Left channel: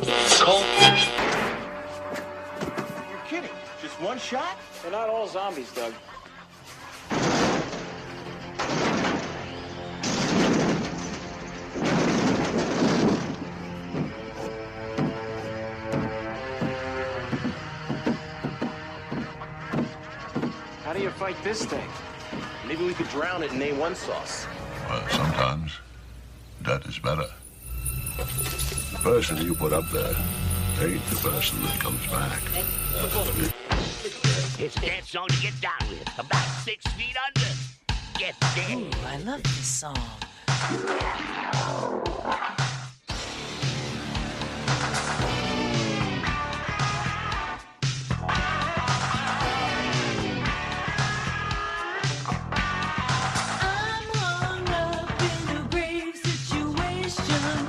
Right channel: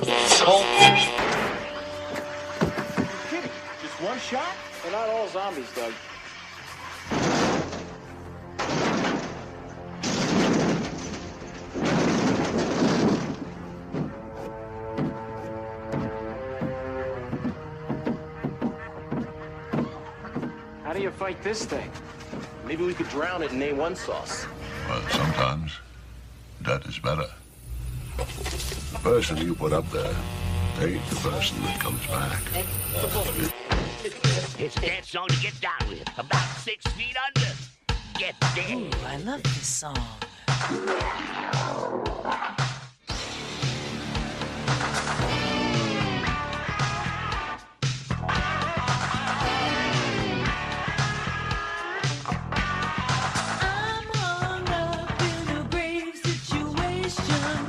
Kidding? Just one shot? They're not all zombies, Doug. How do you fight this thing? Maybe we could drown it in A1 sauce. Well, sometimes that is better. The person you put up there ain't the person that comes back. It's a dance song to get down with. About 6 feet under. Get there. Ooh, I love this song. I'm hung up in a grave situation.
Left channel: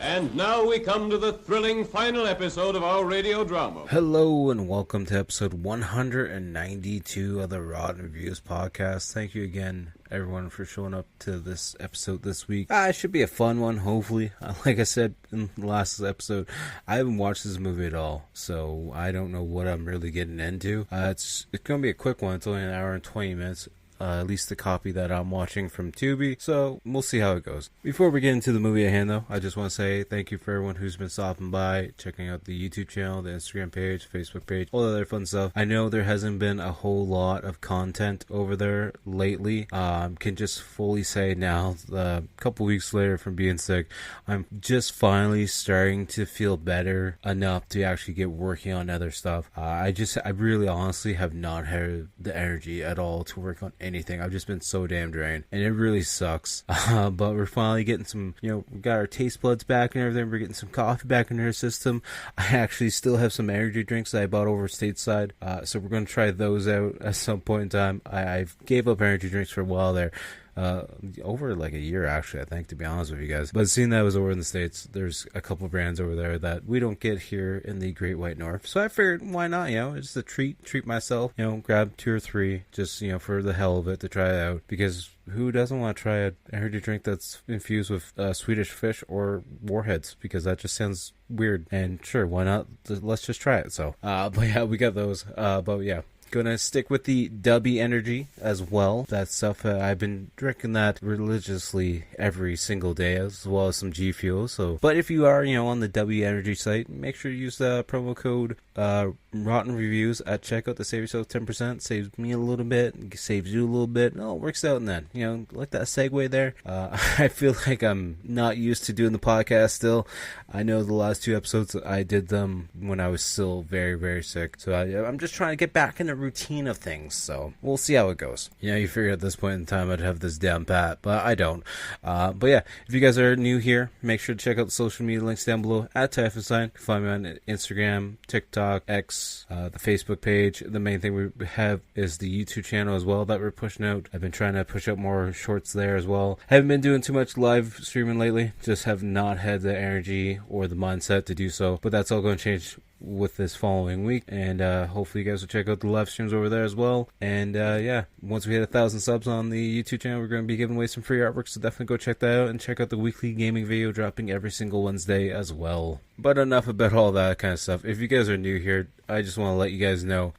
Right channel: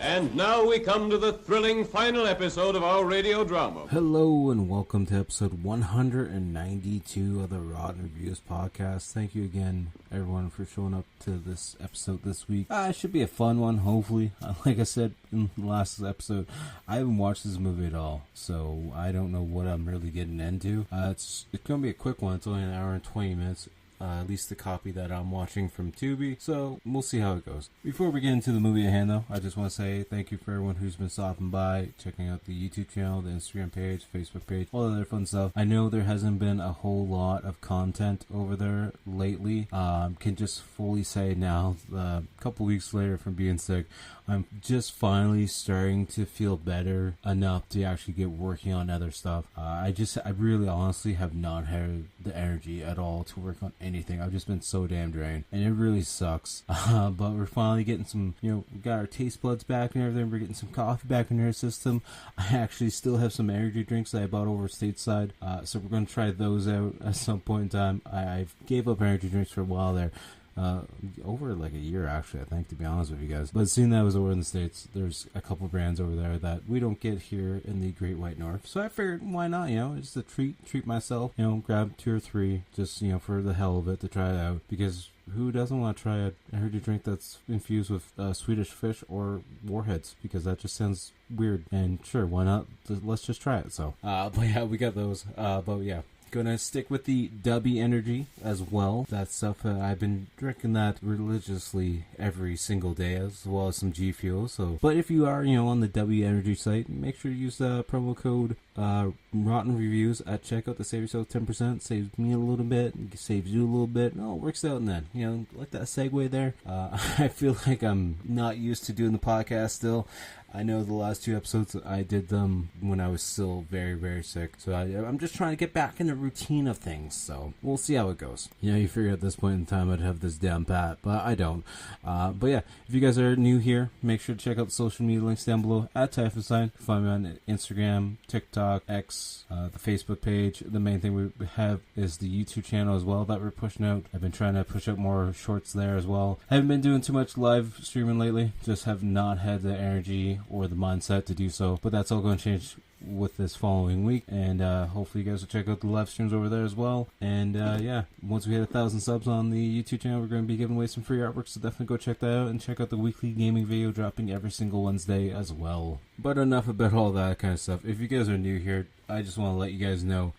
And now we come to the thrilling final episode of our radio drama. Hello and welcome to episode 192 of the Rotten Reviews podcast. Thank you again, everyone, for showing up to this episode this week. It should be a fun one, hopefully. Like I said in the last episode, I haven't watched this movie at all, so I don't know what I'm really getting into. It's going to be a quick one. It's only an hour and 20 minutes. At least the copy that I'm watching from Tubi, so we'll see how it goes. Before we get into the movie at hand, though, I just want to say thank you for everyone who's been stopping by, checking out the YouTube channel, the Instagram page, Facebook page, all the other fun stuff. I know there hasn't been a whole lot of content over there lately. Can just fully say now, a couple weeks later from being sick, I'm just finally starting to feel better enough to actually get working on other stuff. I really honestly have not had the energy at all to work on anything. I've just been so damn drained, and it really sucks. But we're finally getting some, we got our taste buds back and everything. We're getting some coffee back in our system. I actually still have some energy drinks that I bought over stateside, so we're going to try those out at some point in time. I gave up energy drinks for a while there. Over like a year, actually, I think, to be honest with you guys. But seeing that I was over in the States, there's a couple brands over there that we don't get here in the Great White North. So I figured, why not, it's a treat myself, grab 2 or 3, just, for the hell of it, to try it out. Because who doesn't want to try an energy drink that's infused with Swedish fish or warheads? Because that just sounds weird. And sure, why not? Let's just try it. So, but yeah, we got those. But yeah. Gonna stick with the Dubby Energy as well. That stuff, I've been drinking that religiously every single day, as well as some G Fuel. So, but if you are, on the Dubby Energy site, make sure to use the promo code Rotten Reviews at checkout to save yourself 10%. Saves me a little bit, saves you a little bit. No, it works out in that. Like that segue there. I feel like I'm not used to doing the podcast still. I know the last 2 episodes I did them when I was still very, very sick. So I'm just trying to get back in the routine of things. So we'll see how it goes. You figure at this point in time I'd have this down pat, but I don't. But yeah, if you guys are new here, make sure to check out the social media links down below at Typhus Sign. You can find me on Instagram, TikTok, X, the Facebook page. The main thing we have is the YouTube channel as well that we're pushing out. I've been trying to push out more shorts there as well. Haven't been doing too much live streaming lately. Just have not had the energy or the mindset to do so. But that's all going to change with this following week, and hopefully you guys will check out the live streams over there as well. And yeah, once we hit 1,000 subs on the YouTube channel, we're going to be giving away some free artwork, so definitely go check that out, and check out the weekly gaming video dropping every single Wednesday as well. But enough about all that kind of stuff. If you guys are new here, I just want to let you guys know,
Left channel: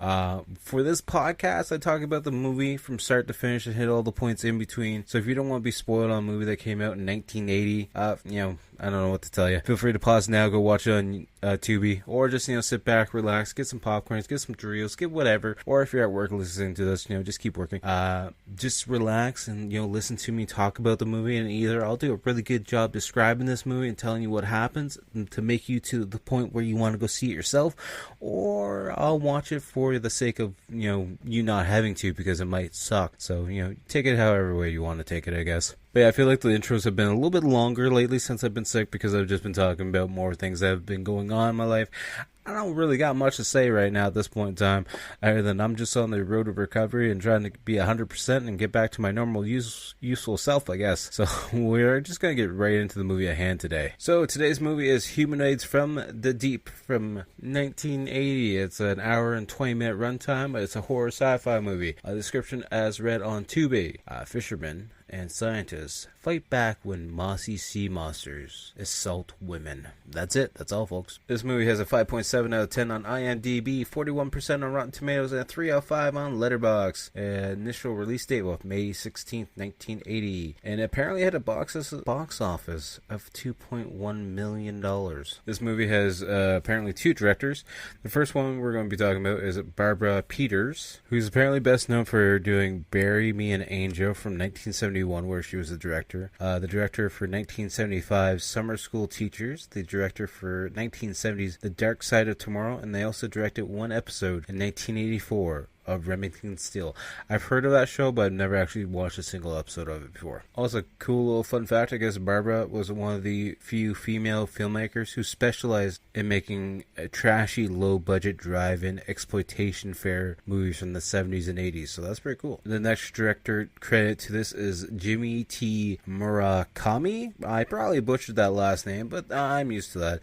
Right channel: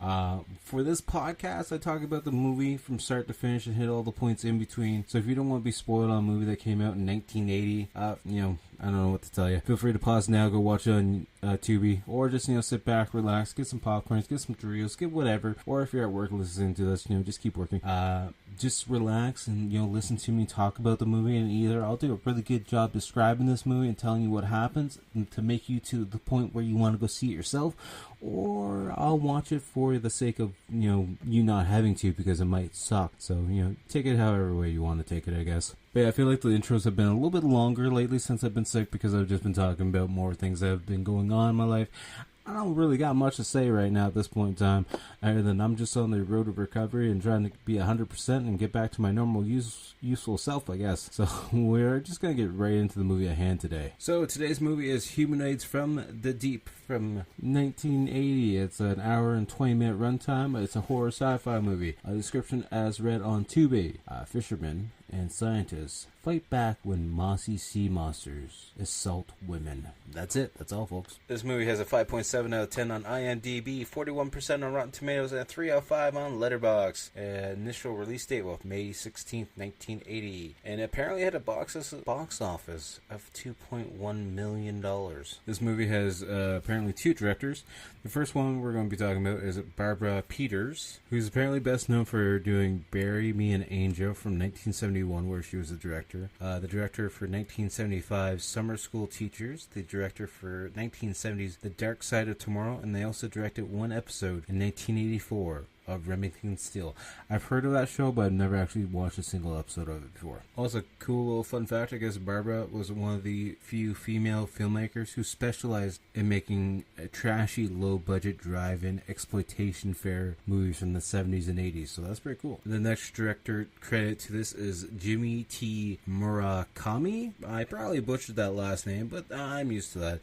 for this podcast, I talk about the movie from start to finish and hit all the points in between. So if you don't want to be spoiled on a movie that came out in 1980, I don't know what to tell you. Feel free to pause now, go watch it on Tubi, or just, sit back, relax, get some popcorns, get some Doritos, get whatever. Or if you're at work listening to this, just keep working. Just relax and, listen to me talk about the movie, and either I'll do a really good job describing this movie and telling you what happens to make you to the point where you want to go see it yourself, or I'll watch it for the sake of, you not having to, because it might suck. So, take it however way you want to take it, I guess. But yeah, I feel like the intros have been a little bit longer lately since I've been sick, because I've just been talking about more things that have been going on in my life. I don't really got much to say right now at this point in time, other than I'm just on the road of recovery and trying to be 100% and get back to my normal useful self, I guess. So we're just going to get right into the movie at hand today. So today's movie is Humanoids From The Deep from 1980. It's an hour and 20 minute runtime. It's a horror sci-fi movie. A description as read on Tubi. Fisherman and scientists fight back when mossy sea monsters assault women. That's it. That's all, folks. This movie has a 5.7 out of 10 on IMDb, 41% on Rotten Tomatoes, and a 3 out of 5 on Letterboxd. Initial release date was May 16th, 1980. And apparently had a box office of $2.1 million. This movie has apparently two directors. The first one we're going to be talking about is Barbara Peters, who's apparently best known for doing Bury Me an Angel from 1971, where she was the director. The director for 1975's Summer School Teachers, the director for 1970's The Dark Side of Tomorrow, and they also directed one episode in 1984 of Remington Steele. I've heard of that show, but I've never actually watched a single episode of it before. Also, cool little fun fact, I guess Barbara was one of the few female filmmakers who specialized in making trashy, low-budget drive-in exploitation fare movies from the 70s and 80s, so that's pretty cool. The next director credit to this is Jimmy T. Murakami. I probably butchered that last name, but I'm used to that.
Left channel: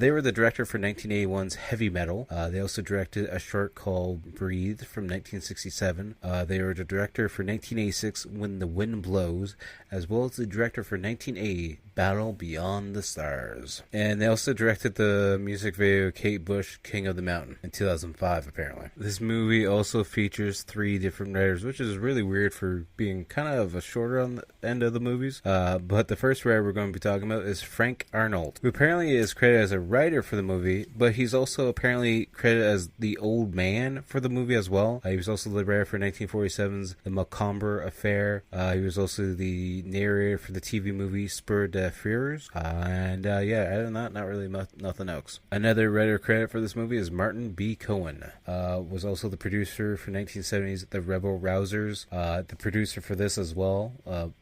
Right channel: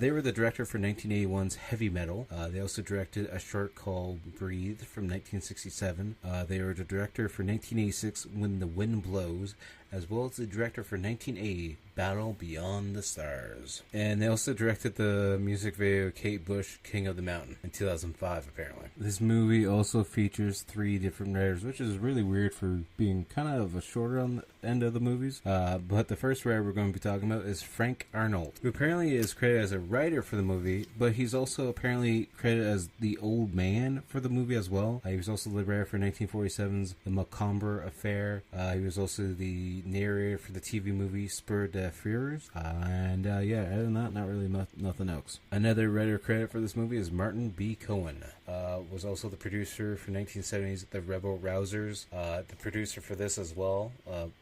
They were the director for 1981's Heavy Metal. They also directed a short called Breathe from 1967. They were the director for 1986 When the Wind Blows, as well as the director for 1980 Battle Beyond the Stars. And they also directed the music video Kate Bush, King of the Mountain in 2005, apparently. This movie also features 3 different writers, which is really weird for being kind of a shorter on the end of the movies. But the first writer we're going to be talking about is Frank Arnold, who apparently is credited as a writer for the movie, but he's also apparently credited as the old man for the movie as well. He was also the writer for 1947's The Macomber Affair. He was also the narrator for the TV movie Spur de Fears. And yeah, other than that, not really nothing else. Another writer credit for this movie is Martin B. Cohen. Was also the producer for 1970's The Rebel Rousers. The producer for this as well,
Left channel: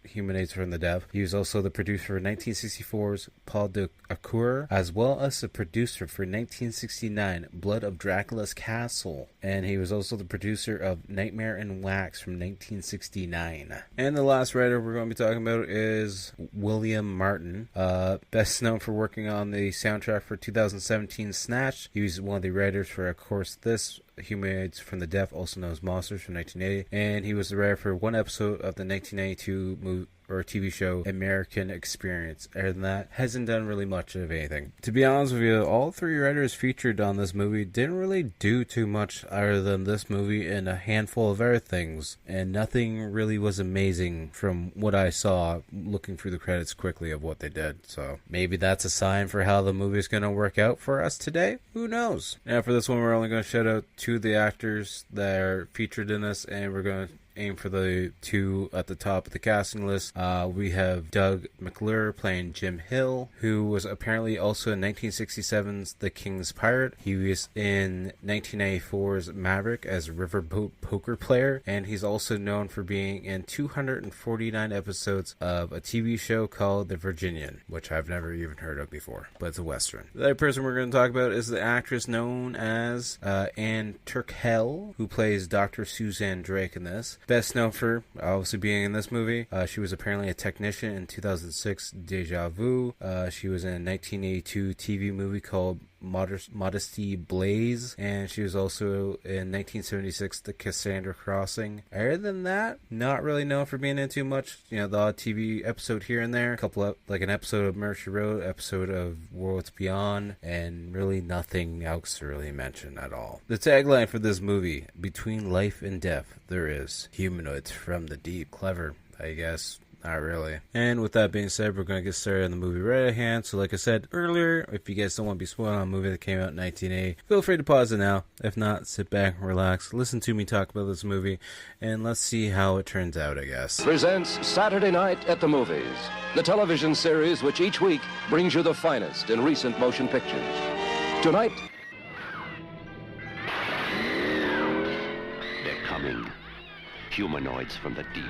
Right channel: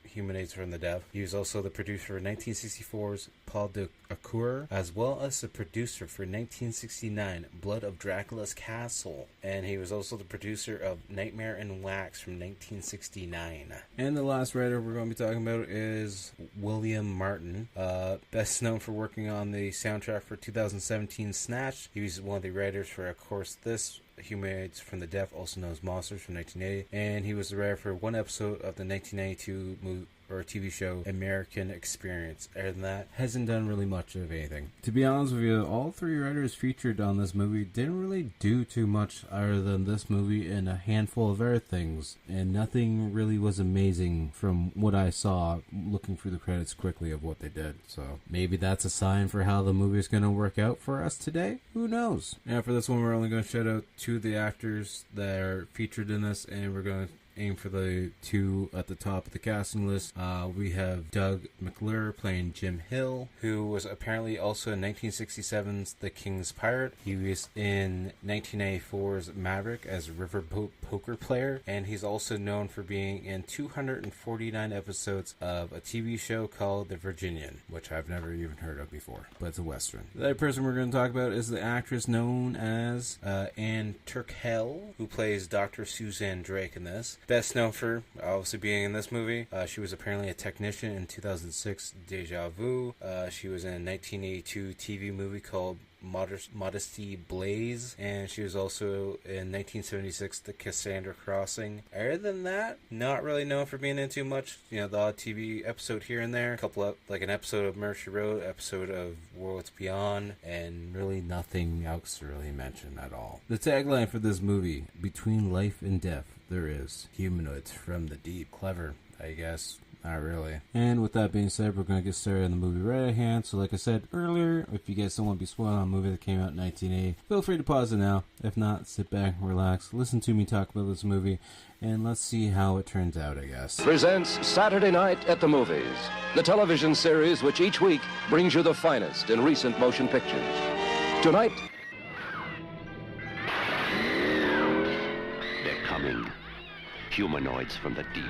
Humanoids From The Deep. He was also the producer for 1964's Paul de Accour, as well as the producer for 1969 Blood of Dracula's Castle. And he was also the producer of Nightmare in Wax from 1969. And the last writer we're going to be talking about is William Martin, best known for working on the soundtrack for 2017 Snatch. He was one of the writers for, of course, this Humanoids From The Deep, also known as Monsters from 1980, and he was the writer for one episode of the 1992 movie or TV show American Experience. Other than that, hasn't done really much of anything. To be honest with you, all 3 writers featured on this movie didn't really do too much other than this movie and a handful of other things, and nothing really was amazing from what I saw looking through the credits quickly of what they did. So maybe that's a sign for how the movie is going to work out for us today. Who knows? Now for this one, we're only going to shout out 2 of the actors that are featured in this, and we're going to aim for the 2 at the top of the casting list. We have Doug McClure playing Jim Hill, who was apparently also in 1967's The King's Pirate. He was in 1994's Maverick as a riverboat poker player, and he's also known for being in 249 episodes of a TV show called The Virginian, which I've never even heard of before, but it's a Western. The other person we're going to talk about is the actress known as Anne Turkel, who plays Dr. Suzanne Drake in this. Best known for obviously being in this movie. She was apparently a technician in 2006 Deja Vu. She was in a 1982 TV movie called Modesty Blaze, and she was also in 1976 The Cassandra Crossing. Other than that, not really known for being in too much. You know, the odd TV episode here and there, a couple of, like an episode of Mercy Road, episode of Worlds Beyond, and really nothing else to really mention at all. The tagline for this movie: between life and death, there is humanoids from the deep. Clever, I guess. Not really. And with that being said, we're going to get started on the movie right at hand. So like I said earlier, if you guys don't want to be spoiled on a movie that came out in 1980, feel free to pause it now. If not, sit back and relax, listen to me talk about this movie, and let's see how it turns out, I guess. Presents Saturday Night at the Movies, the television series which each week brings you the finest in recent motion pictures. Tonight, they're coming. Humanoids from the deep.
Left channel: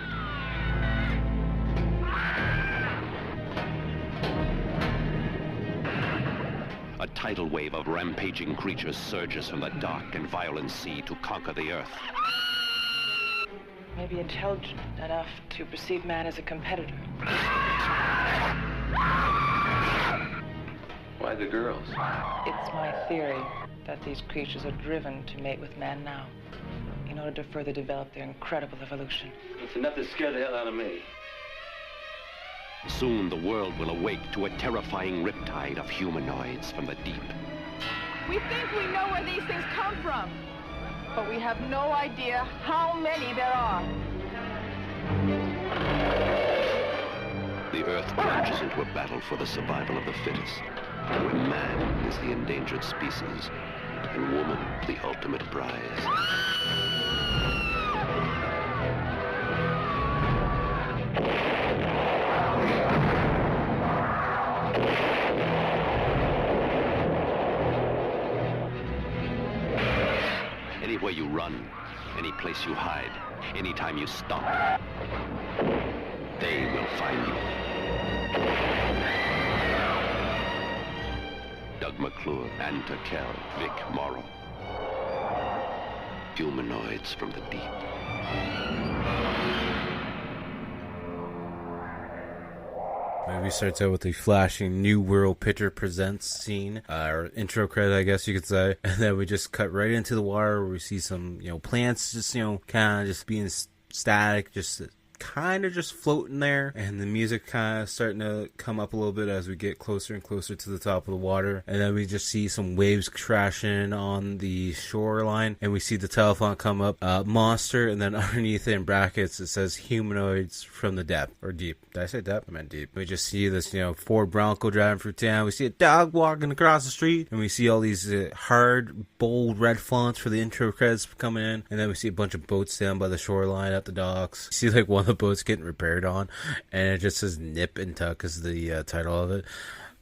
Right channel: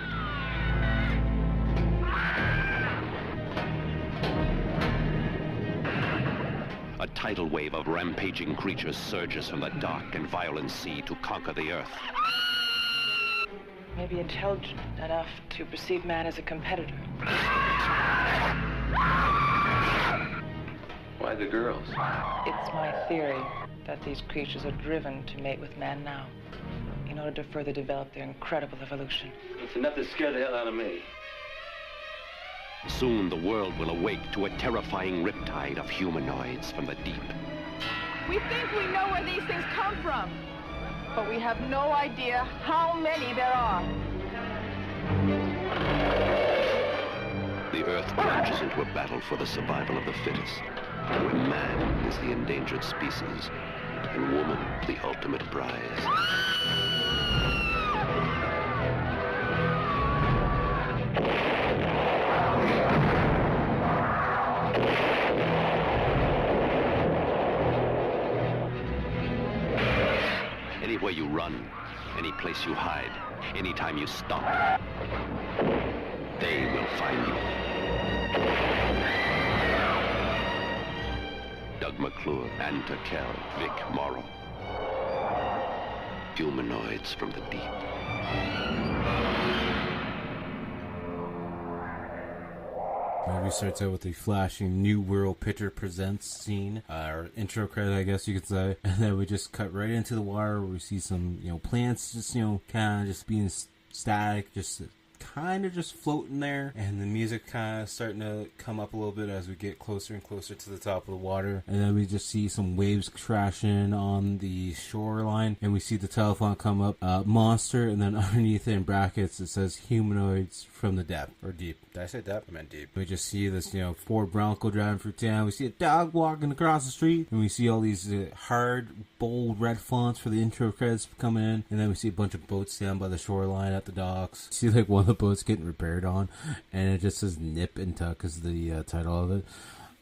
A tidal wave of rampaging creatures surges from the dark and violent sea to conquer the earth. Maybe intelligent enough to perceive man as a competitor. Why the girls? It's my theory that these creatures are driven to mate with man now in order to further develop their incredible evolution. It's enough to scare the hell out of me. Soon the world will awake to a terrifying riptide of humanoids from the deep. We think we know where these things come from, but we have no idea how many there are. The Earth plunges into a battle for the survival of the fittest, where man is the endangered species and woman the ultimate prize. Anywhere you run, any place you hide, anytime you stop, they will find you. Doug McClure, Ann Turkel, Vic Morrow. Humanoids from the Deep. Movie starts out with a flashing New World Picture Presents scene, or intro credit, I guess you could say, and then we just cut right into the water where we see some, plants just, kind of just being static, just kind of just floating there, and the music kind of starting to come up a little bit as we get closer and closer to the top of the water, and then we just see some waves crashing on the shoreline, and we see the telephone come up, monster, and then underneath it in brackets it says humanoids from the depth, or deep. Did I say depth? I meant deep. We just see this, Ford Bronco driving through town. We see a dog walking across the street, and we see all these hard, bold red fonts for the intro credits coming in, and then we see a bunch of boats down by the shoreline at the docks. We see one of the boats getting repaired on, and it just says Nip and Tuck is the title of it.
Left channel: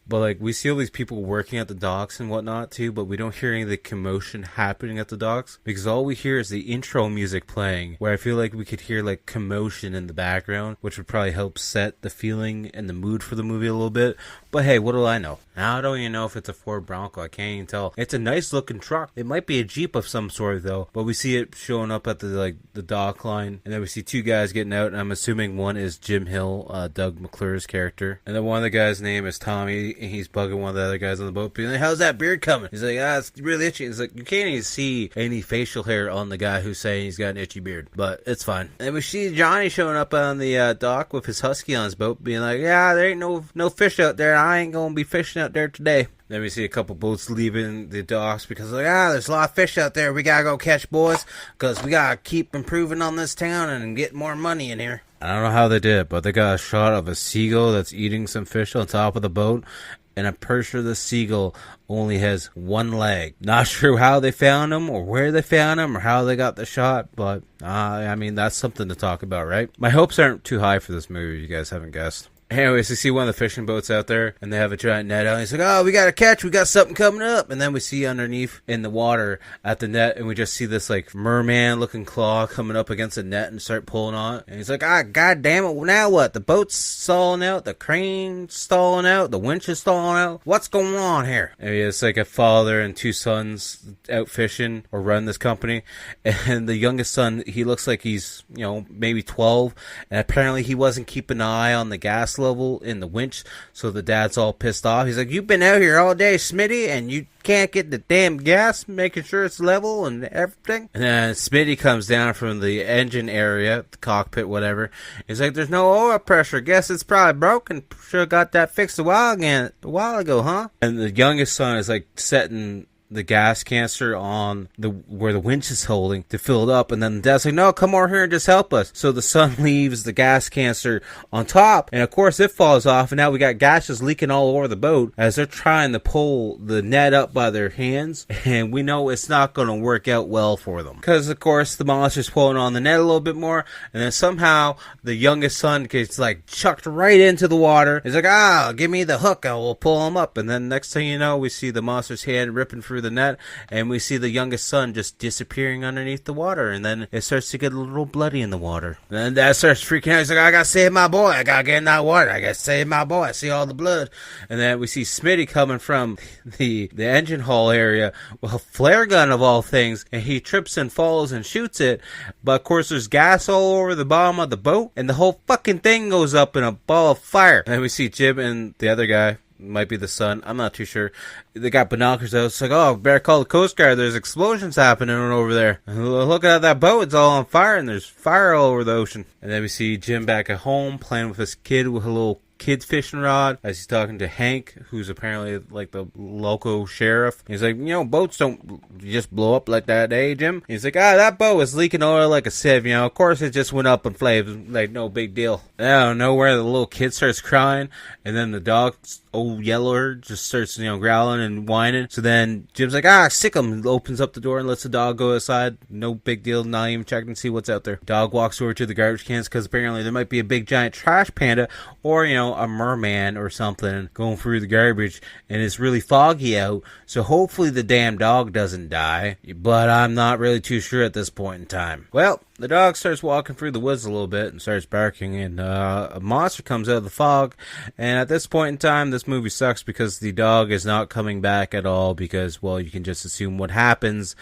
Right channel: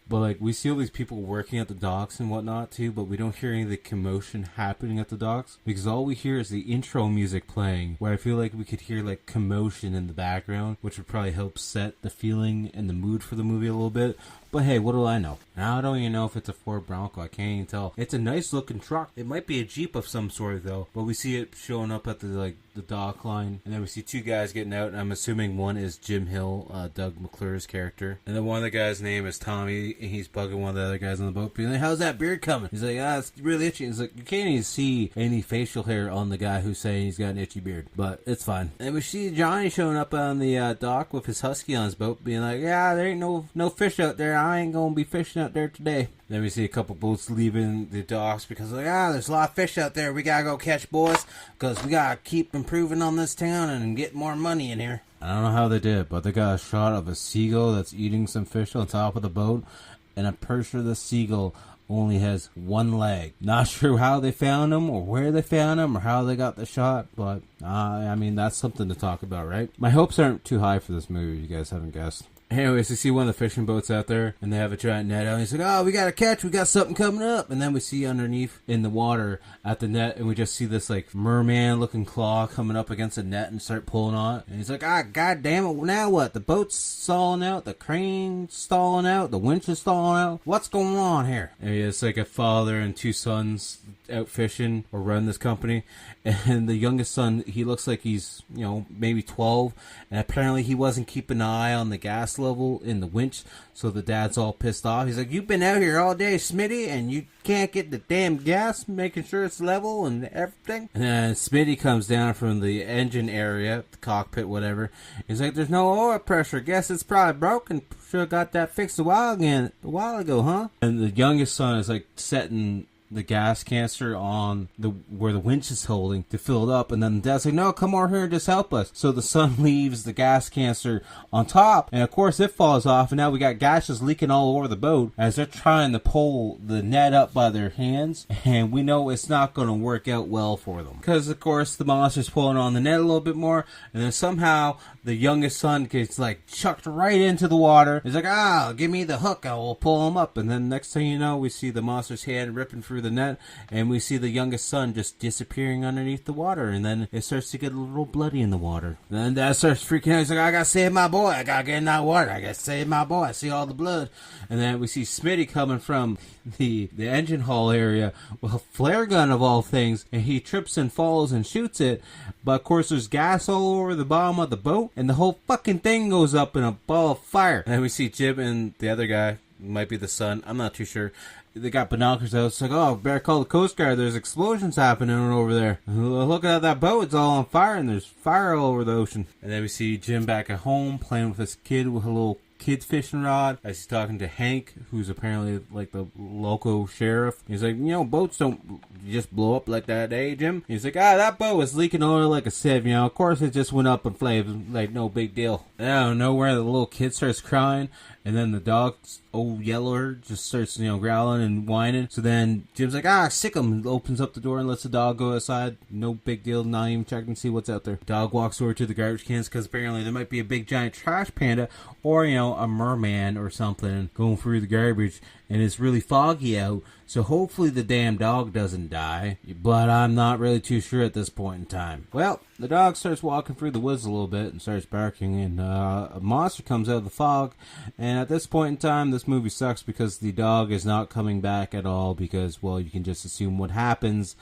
But we see all these people working at the docks and whatnot too, but we don't hear any of the commotion happening at the docks, because all we hear is the intro music playing, where I feel like we could hear commotion in the background, which would probably help set the feeling and the mood for the movie a little bit. But hey, what do I know? I don't even know if it's a Ford Bronco. I can't even tell. It's a nice looking truck. It might be a Jeep of some sort though, but we see it showing up at the dock line, and then we see two guys getting out, and I'm assuming one is Jim Hill, Doug McClure's character, and then one of the guys' name is Tommy, and he's bugging one of the other guys on the boat, being like, "How's that beard coming?" He's like, "It's really itchy." He's like, you can't even see any facial hair on the guy who's saying he's got an itchy beard, but it's fine. And we see Johnny showing up on the dock with his husky on his boat, being like, "Yeah, there ain't no fish out there. I ain't gonna be fishing out there today." Then we see a couple boats leaving the docks because there's a lot of fish out there we gotta go catch, boys, because we gotta keep improving on this town and get more money in here. I don't know how they did it, but they got a shot of a seagull that's eating some fish on top of the boat, and I'm pretty sure the seagull only has one leg. Not sure how they found him, or where they found him, or how they got the shot, but that's something to talk about, right? My hopes aren't too high for this movie, if you guys haven't guessed. Anyways, we see one of the fishing boats out there, and they have a giant net out, and he's like, "Oh, we got a catch, we got something coming up." And then we see underneath in the water at the net, and we just see this merman looking claw coming up against the net and start pulling on it. And he's like, god damn it, now what? The boat's stalling out, the crane's stalling out, the winch is stalling out. What's going on here? And it's a father and two sons out fishing or run this company, and the youngest son, he looks like he's maybe 12, and apparently he wasn't keeping an eye on the gas level in the winch, so the dad's all pissed off. He's like, "You've been out here all day, Smitty, and you can't get the damn gas, making sure it's level and everything." And then Smitty comes down from the engine area, the cockpit, whatever. He's like, "There's no oil pressure. Guess it's probably broken. Should've got that fixed a while ago, huh?" And the youngest son is setting the gas canister on where the winch is holding to fill it up, and then the dad's like, "No, come over here and just help us." So the son leaves the gas canister on top, and of course it falls off, and now we got gas just leaking all over the boat as they're trying to pull the net up by their hands, and we know it's not going to work out well for them, because of course the monster's pulling on the net a little bit more, and then somehow the youngest son gets chucked right into the water. He's like, "Give me the hook, I will pull him up." And then next thing you know, we see the monster's hand ripping through the net, and we see the youngest son just disappearing underneath the water, and then it starts to get a little bloody in the water. And then Dad starts freaking out. He's like, "I gotta save my boy. I gotta get in that water. I gotta save my boy. I see all the blood." And then we see Smitty coming from the engine hall area with a flare gun of all things, and he trips and falls and shoots it, but of course there's gas all over the bottom of the boat, and the whole fucking thing goes up in a ball of fire. And then we see Jim and the other guy, might be the son, I'm not too sure, they got binoculars out. It's like, oh, better call the Coast Guard. There's explosions happening over there. Look at that boat. It's all on fire, and there's fire all over the ocean. And then we see Jim back at home playing with his kid with a little kid's fishing rod as he's talking to Hank, who's apparently like the local sheriff. He's like, boats don't just blow up like that, eh, Jim? He's like, that boat was leaking oil like a sieve, of course it just went up in flames, like no big deal. Out of nowhere, the little kid starts crying, and then the dog, old Yeller, just starts, growling and whining. So then Jim's like, sick him, opens up the door and lets the dog go outside. No big deal, not even checking to see what's out there. Dog walks over to the garbage cans because apparently there might be a big giant trash panda or, a merman or something going through the garbage, and it's really foggy out, so hopefully the damn dog doesn't die, but I'm not really too sure at this point in time. Well, the dog starts walking through the woods a little bit and starts barking, and a monster comes out of the fog, and at this point in time, this movie sucks because the dog is not coming back at all because, well, you can just assume what happens.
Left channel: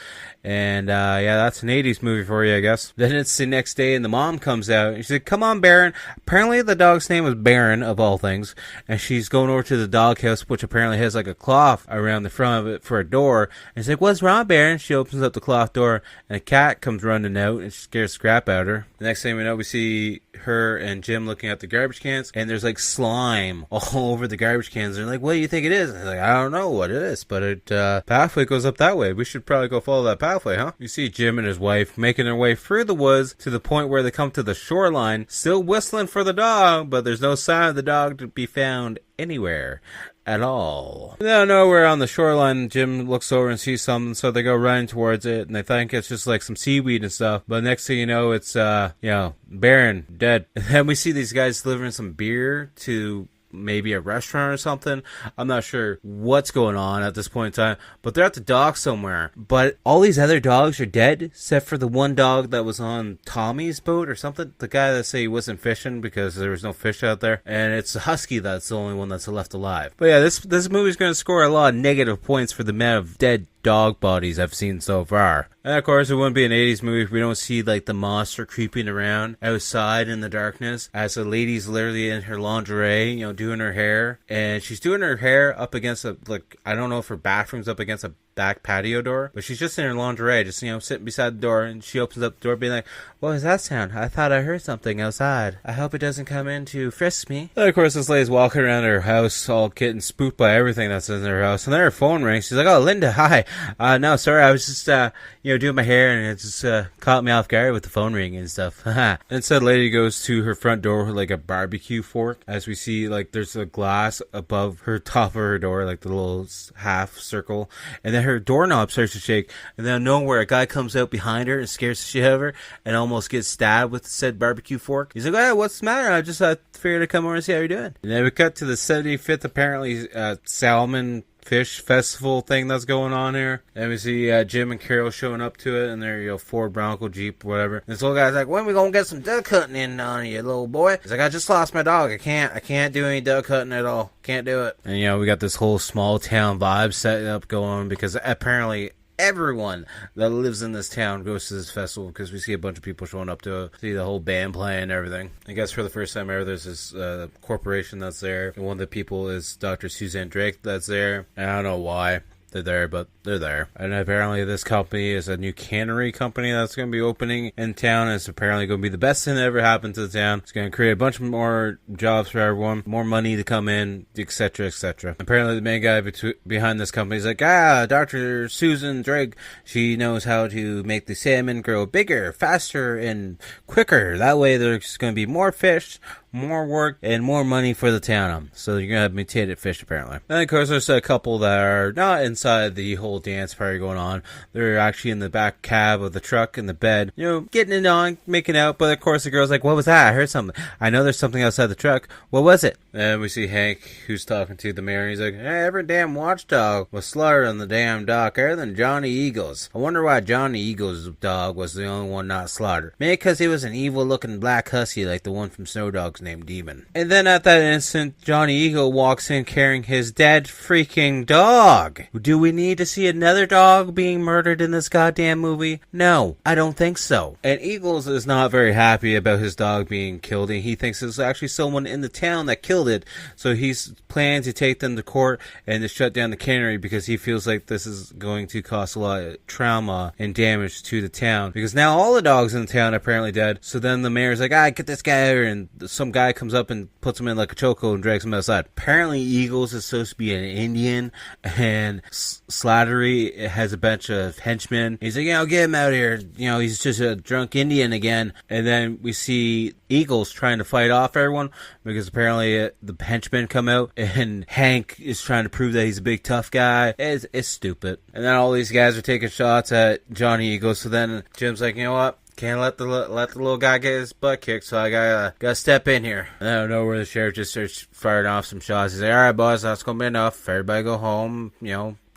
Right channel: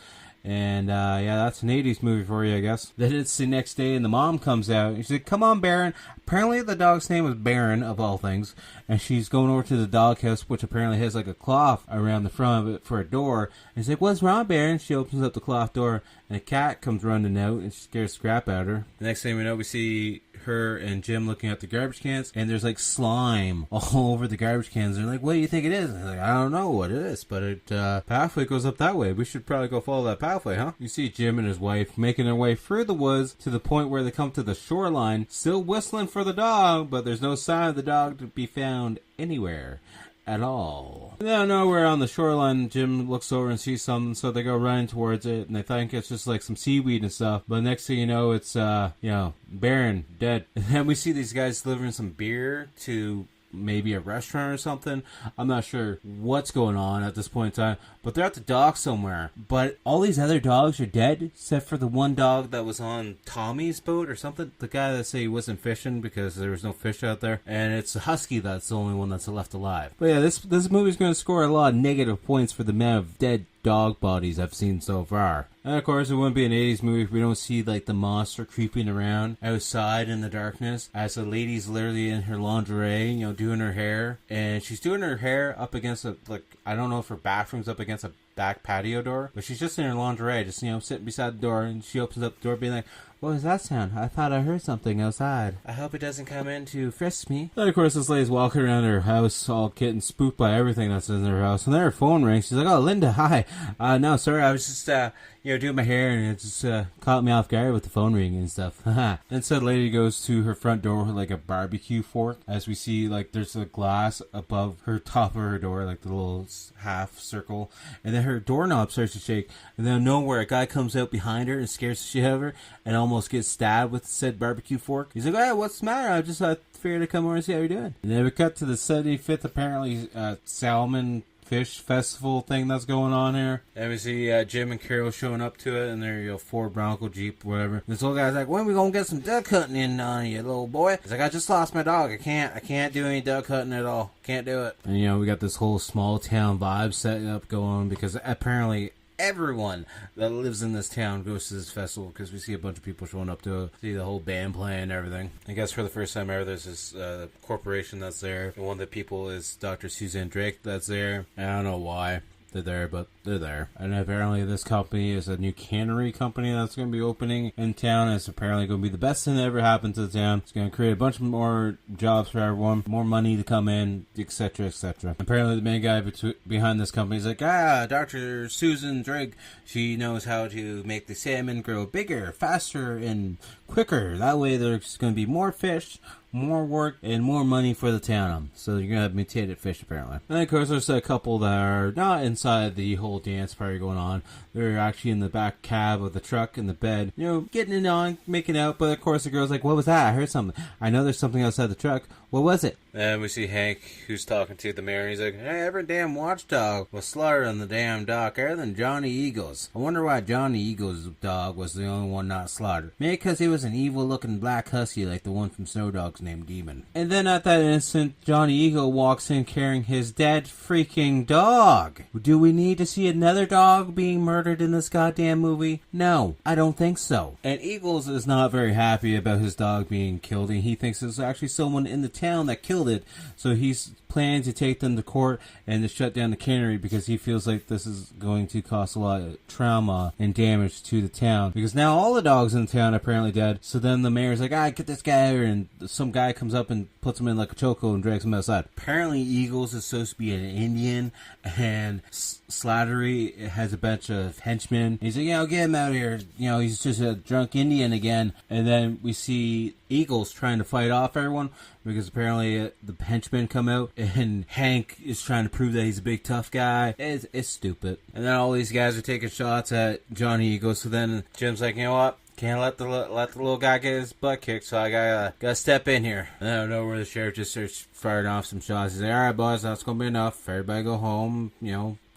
And, yeah, that's an 80s movie for you, I guess. Then it's the next day, and the mom comes out, and she's like, come on, Baron. Apparently the dog's name is Baron, of all things. And she's going over to the doghouse, which apparently has, like, a cloth around the front of it for a door. And she's like, what's wrong, Baron? She opens up the cloth door, and a cat comes running out, and she scares scrap out of her. The next thing we know, we see her and Jim looking at the garbage cans, and there's, like, slime all over the garbage cans. They're like, what do you think it is? And they're like, I don't know what it is, but it, pathway goes up that way. We should probably go follow that pathway, huh? You see Jim and his wife making their way through the woods to the point where they come to the shoreline, still whistling for the dog, but there's no sign of the dog to be found anywhere at all. Now, nowhere on the shoreline, Jim looks over and sees something, so they go running towards it, and they think it's just like some seaweed and stuff, but next thing you know, it's, Baron, dead. And then we see these guys delivering some beer to maybe a restaurant or something. I'm not sure what's going on at this point in time, but they're at the dock somewhere. But all these other dogs are dead, except for the one dog that was on Tommy's boat or something. The guy that said he wasn't fishing because there was no fish out there. And it's a husky that's the only one that's left alive. But yeah, this movie's going to score a lot of negative points for the amount of dead dog bodies I've seen so far. And of course, it wouldn't be an 80s movie if we don't see like the monster creeping around outside in the darkness as the lady's literally in her lingerie, doing her hair. And she's doing her hair up against I don't know if her bathroom's up against a back patio door, but she's just in her lingerie, just, sitting beside the door, and she opens up the door being like, what was that sound? I thought I heard something outside. I hope it doesn't come in to frisk me. And of course, this lady's walking around her house all getting spooked by everything that's in her house, and then her phone rings. She's like, oh, Linda, hi. No, sorry, I was just, doing my hair, and it just caught me off guard with the phone ringing and stuff. And so the lady goes to her front door with, like, a barbecue fork, as we see, like, there's a glass above her top of her door, like the little half circle, and then her doorknob starts to shake, and then nowhere a guy comes out behind her and scares the shit out of her, and almost gets stabbed with said barbecue fork. He's like, hey, what's the matter? I just figured to come over and see how you're doing. And then we cut to the 75th, apparently, salmon fish festival thing that's going on here. And we see Jim and Carol showing up to it in their Ford Bronco Jeep, whatever. This little guy's like, when are we gonna get some duck hunting in on you, little boy? He's like, I just lost my dog. I can't do any duck hunting at all. Can't do it. And we got this whole small town vibe setting up going because apparently everyone that lives in this town goes to this festival because we see a bunch of people showing up to see the whole band playing and everything. I guess for the first time ever, there's this corporation that's there, and one of the people is Dr. Suzanne Drake that's there. I don't know why they're there, but they're there. And apparently this company is a new cannery company that's going to be opening in town. It's apparently going to be the best thing that ever happened to the town. It's going to create a bunch more jobs for everyone, more money to come in, etc., etc. Apparently the main guy behind this company is like, Dr. Susan Drake, she knows how to make the salmon grow bigger, faster, and quicker. That way there's going to be more fish, more work, and more money for the town. So you're going to have mutated fish, apparently. And of course, there's a couple that are not inside the whole dance party going on. They're actually in the back cab of the truck in the bed, getting it on, making out. But of course, the girl's like, what was that? I heard something. I know there's something outside the truck. What was it? And we see Hank, who's talking to the mayor. He's like, hey, every damn watchdog was slaughtered on the damn dock, other than Johnny Eagles. I wonder why Johnny Eagles' dog was the only one not slaughtered. Maybe because he was an evil-looking black husky like the one from Snow Dogs named Demon. And then at that instant, Johnny Eagle walks in carrying his dead freaking dog. Do we need to see another dog being murdered in this goddamn movie? No, I don't think so. And Eagles is not very happy about his dog being killed, and he thinks it's actually someone in the town that killed it, so he's planning to take them to court and to shut down the cannery because he feels like this is going to cause a lot of trauma and damage to the town, because now all the dogs in the town are apparently dead. So then the mayor's like, get this guy out, and some guy comes up and puts him in like a chokehold and drags him outside. Apparently Eagles is supposed to be an Indian, and Slattery has a bunch of henchmen. He's like, get him out of here, he's just a drunk Indian again. And then we see Eagles trying to fight off everyone, because apparently the henchmen come out, and Hank is trying to prove that he's a big tough guy. It's stupid. And then all these guys are taking shots at Johnny Eagles. So then Jim's like, you know what? Can't let the little guy get his butt kicked, so I gotta step in here. And I don't know where the sheriff just starts firing off some shots. He's like, all right, boys, that's gonna be enough. Everybody go home,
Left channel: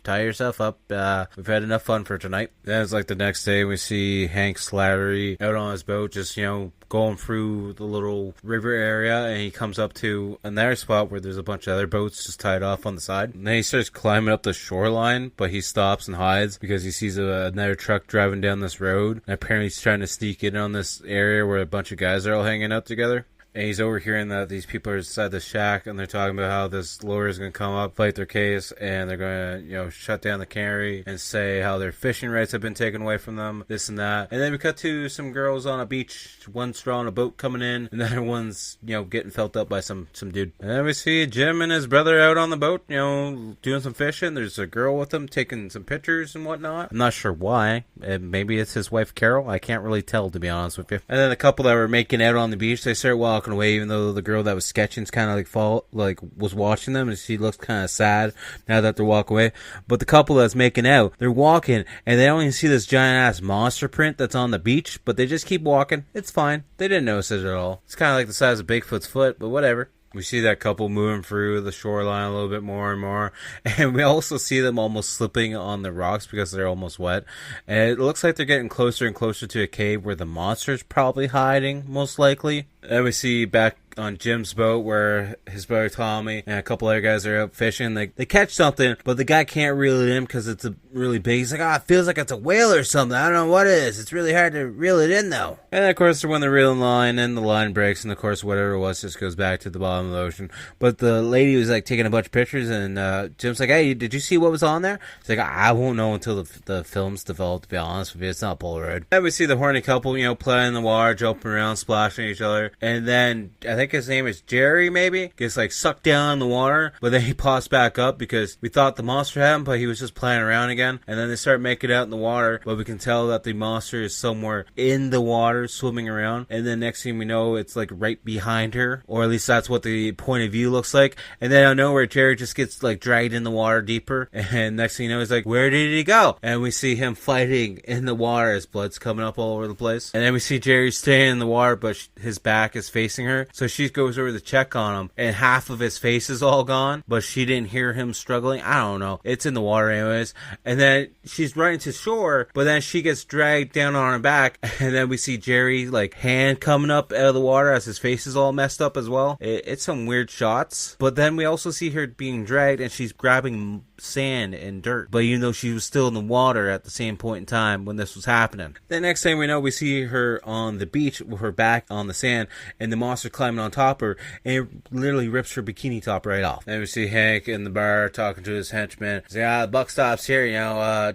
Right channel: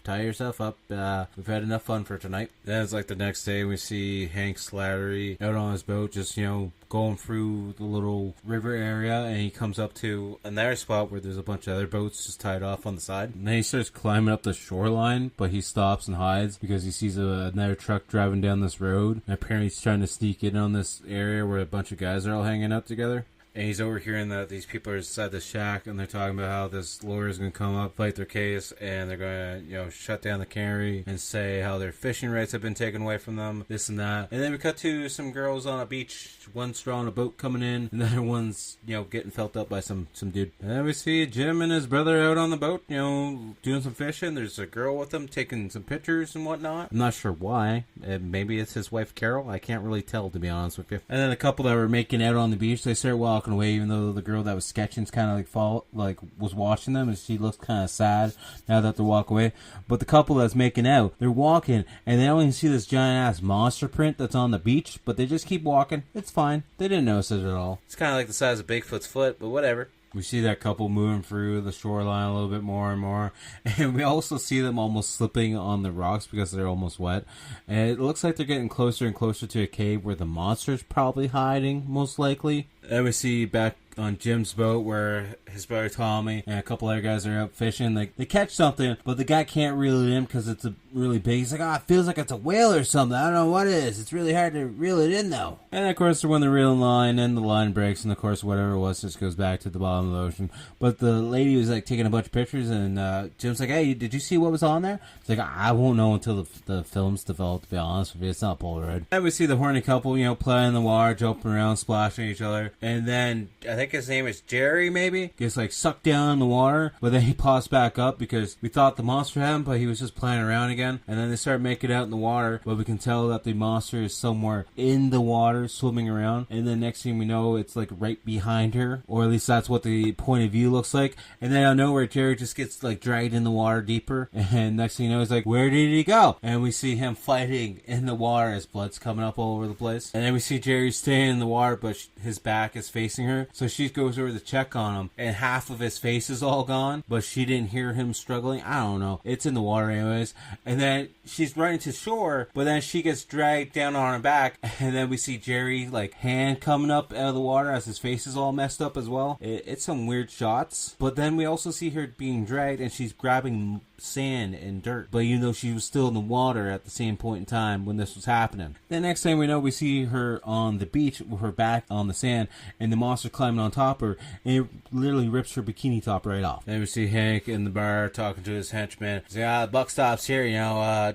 tie yourself up. We've had enough fun for tonight. Then it's like the next day, we see Hank Slattery out on his boat, just, going through the little river area, and he comes up to another spot where there's a bunch of other boats just tied off on the side. And then he starts climbing up the shoreline, but he stops and hides because he sees another truck driving down this road. And apparently he's trying to sneak in on this area where a bunch of guys are all hanging out together. And he's overhearing that these people are inside the shack, and they're talking about how this lawyer is going to come up, fight their case, and they're going to, shut down the cannery and say how their fishing rights have been taken away from them, this and that. And then we cut to some girls on a beach, one straw on a boat coming in, and the other one's, getting felt up by some dude. And then we see Jim and his brother out on the boat, doing some fishing. There's a girl with them taking some pictures and whatnot. I'm not sure why. Maybe it's his wife Carol. I can't really tell, to be honest with you. And then the couple that were making out on the beach, they start walking away, even though the girl that was sketching's kind of was watching them, and she looks kind of sad now that they're walking away. But the couple that's making out, they're walking, and they don't even see this giant ass monster print that's on the beach, but they just keep walking. It's fine. They didn't notice it at all. It's kind of like the size of Bigfoot's foot, but whatever. We see that couple moving through the shoreline a little bit more and more. And we also see them almost slipping on the rocks because they're almost wet. And it looks like they're getting closer and closer to a cave where the monster's probably hiding, most likely. And we see back on Jim's boat where his brother Tommy and a couple other guys are out fishing. They catch something, but the guy can't reel it in because it's really big. He's like, it feels like it's a whale or something. I don't know what it is. It's really hard to reel it in, though. And of course, when they're reeling the line, and the line breaks, and of course, whatever it was just goes back to the bottom of the ocean. But the lady was taking a bunch of pictures, and Jim's like, hey, did you see what was on there? She's like, I won't know until the film's developed, to be honest with you. It's not Polaroid. Then we see the horny couple, playing in the water, jumping around, splashing each other. And then, I think his name is Jerry, maybe, gets sucked down in the water, but then he pops back up because we thought the monster had him, but he was just playing around again. And then they start making out in the water, but we can tell that the monster is somewhere in the water swimming around. And then next thing we know, it's right behind her, or at least that's what the point of view looks like. And then out of nowhere, Jerry just gets dragged in the water deeper, and next thing you know, he's like, where did he go? And we see him fighting in the water as blood's coming up all over the place. And then we see Jerry staying in the water, but his back is facing her, so she goes over to check on him, and half of his face is all gone, but she didn't hear him struggling. I don't know, it's in the water anyways. And then she's running to shore, but then she gets dragged down on her back, and then we see Jerry hand coming up out of the water as his face is all messed up as well. It's some weird shots, but then we also see her being dragged, and she's grabbing sand and dirt, but even though she was still in the water at the same point in time when this was happening. The next thing we know, we see her on the beach with her back on the sand, and the monster climbing on top of her, and it literally rips her bikini top right off. Then we see Hank in the bar talking to his henchman. He's like, the buck stops here,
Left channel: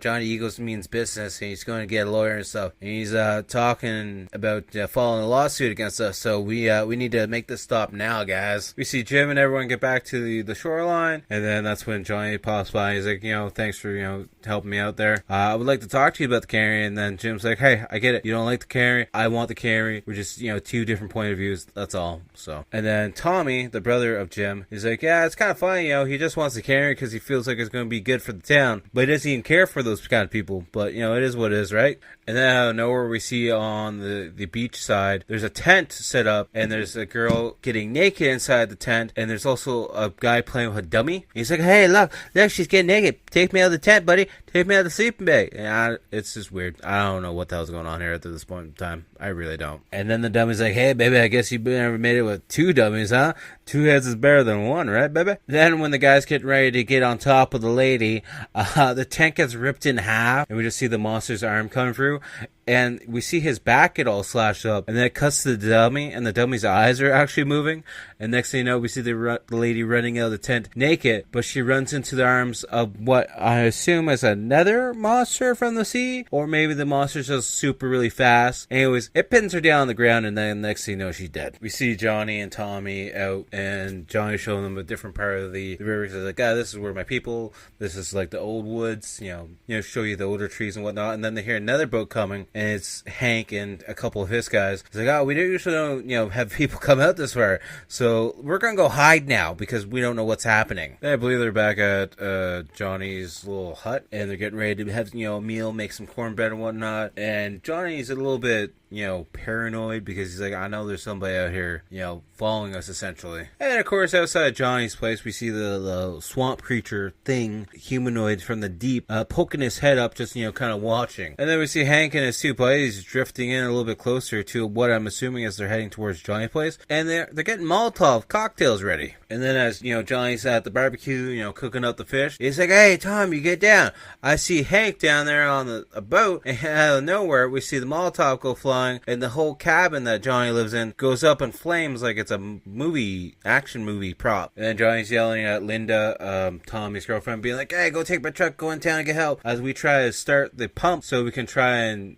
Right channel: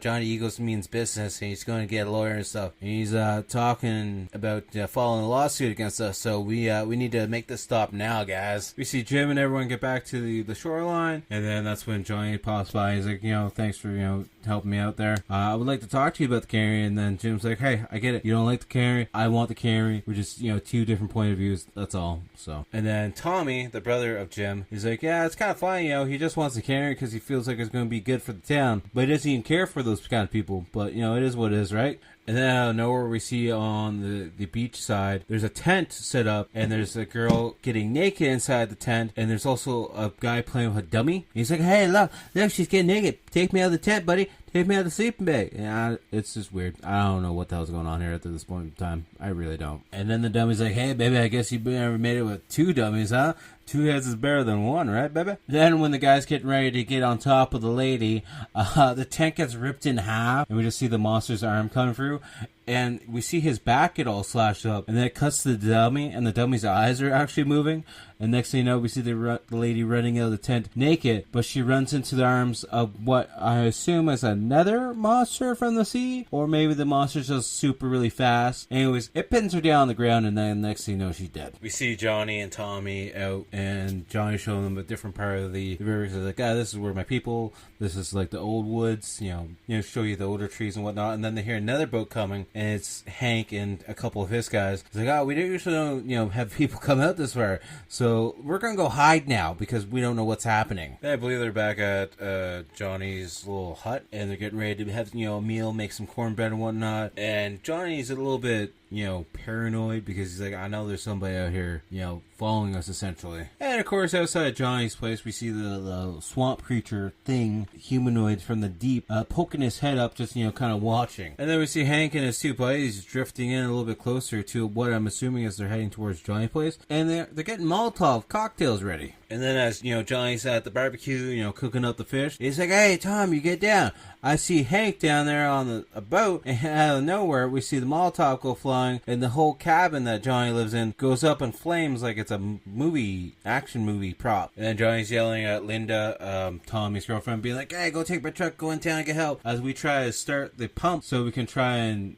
Johnny Eagles means business, and he's going to get a lawyer and stuff. And he's talking about filing a lawsuit against us, so we need to make this stop now, guys. We see Jim and everyone get back to the shoreline, and then that's when Johnny pops by. He's like, thanks for, helping me out there. I would like to talk to you about the cannery. And then Jim's like, hey, I get it. You don't like the cannery. I want the cannery. We're just, two different point of views. That's all. So, and then Tommy, the brother of Jim, he's like, yeah, it's kind of funny, he just wants the cannery because he feels like it's going to be good for the town. But he doesn't even care for those kind of people. But, it is what it is, right? And then out of nowhere, we see on the beach side, there's a tent set up, and there's a girl getting naked inside the tent, and there's also a guy playing with a dummy. He's like, hey, look, she's getting naked. Take me out of the tent, buddy. take me out of the sleeping bag. And it's just weird. I don't know what the hell's going on here at this point in time. I really don't. And then the dummy's like, hey, baby, I guess you've never made it with 2 dummies, huh? 2 heads is better than 1, right, baby? Then when the guy's getting ready to get on top of the lady, the tent gets ripped in half, and we just see the monster's arm coming through, and we see his back get all slashed up, and then it cuts to the dummy, and the dummy's eyes are actually moving, and next thing you know, we see the lady running out of the tent naked, but she runs into the arms of what I assume is another monster from the sea, or maybe the monster's just super really fast. Anyways, it pins her down on the ground, and then next thing you know, she's dead. We see Johnny and Tommy out, and Johnny's showing them a different part of the river. He's like, this is where my people, this is like the old woods, you know, show you the older trees and whatnot. And then they hear another boat coming, and it's Hank and a couple of his guys. He's like, we usually don't, have people come out this far, so we're gonna go hide now because we don't know what's happening. I believe they're back at Johnny's little hut, and they're getting ready to have, a meal, make some cornbread and whatnot. And Johnny's a little bit, paranoid because he's like, I know there's somebody out here, following us essentially. And of course, outside Johnny's place, we see the swamp creature thing, Humanoids From The Deep, poking his head up, just, kind of watching. And then we see Hank and his 2 buddies drifting in a little bit closer to what I'm assuming is they're heading towards Johnny's place. And they're getting Molotov cocktails ready. And then as, Johnny's at the barbecue, cooking up the fish, he's like, hey, Tom, you get down. I see Hank down there on a boat, and out of nowhere, we see the Molotov go flying, and the whole cabin that Johnny lives in goes up in flames like it's a action movie prop. And then Johnny's yelling at Linda, Tommy's girlfriend, being like, hey, go take my truck, go in town and get help, as we try to start the pump so we can try and,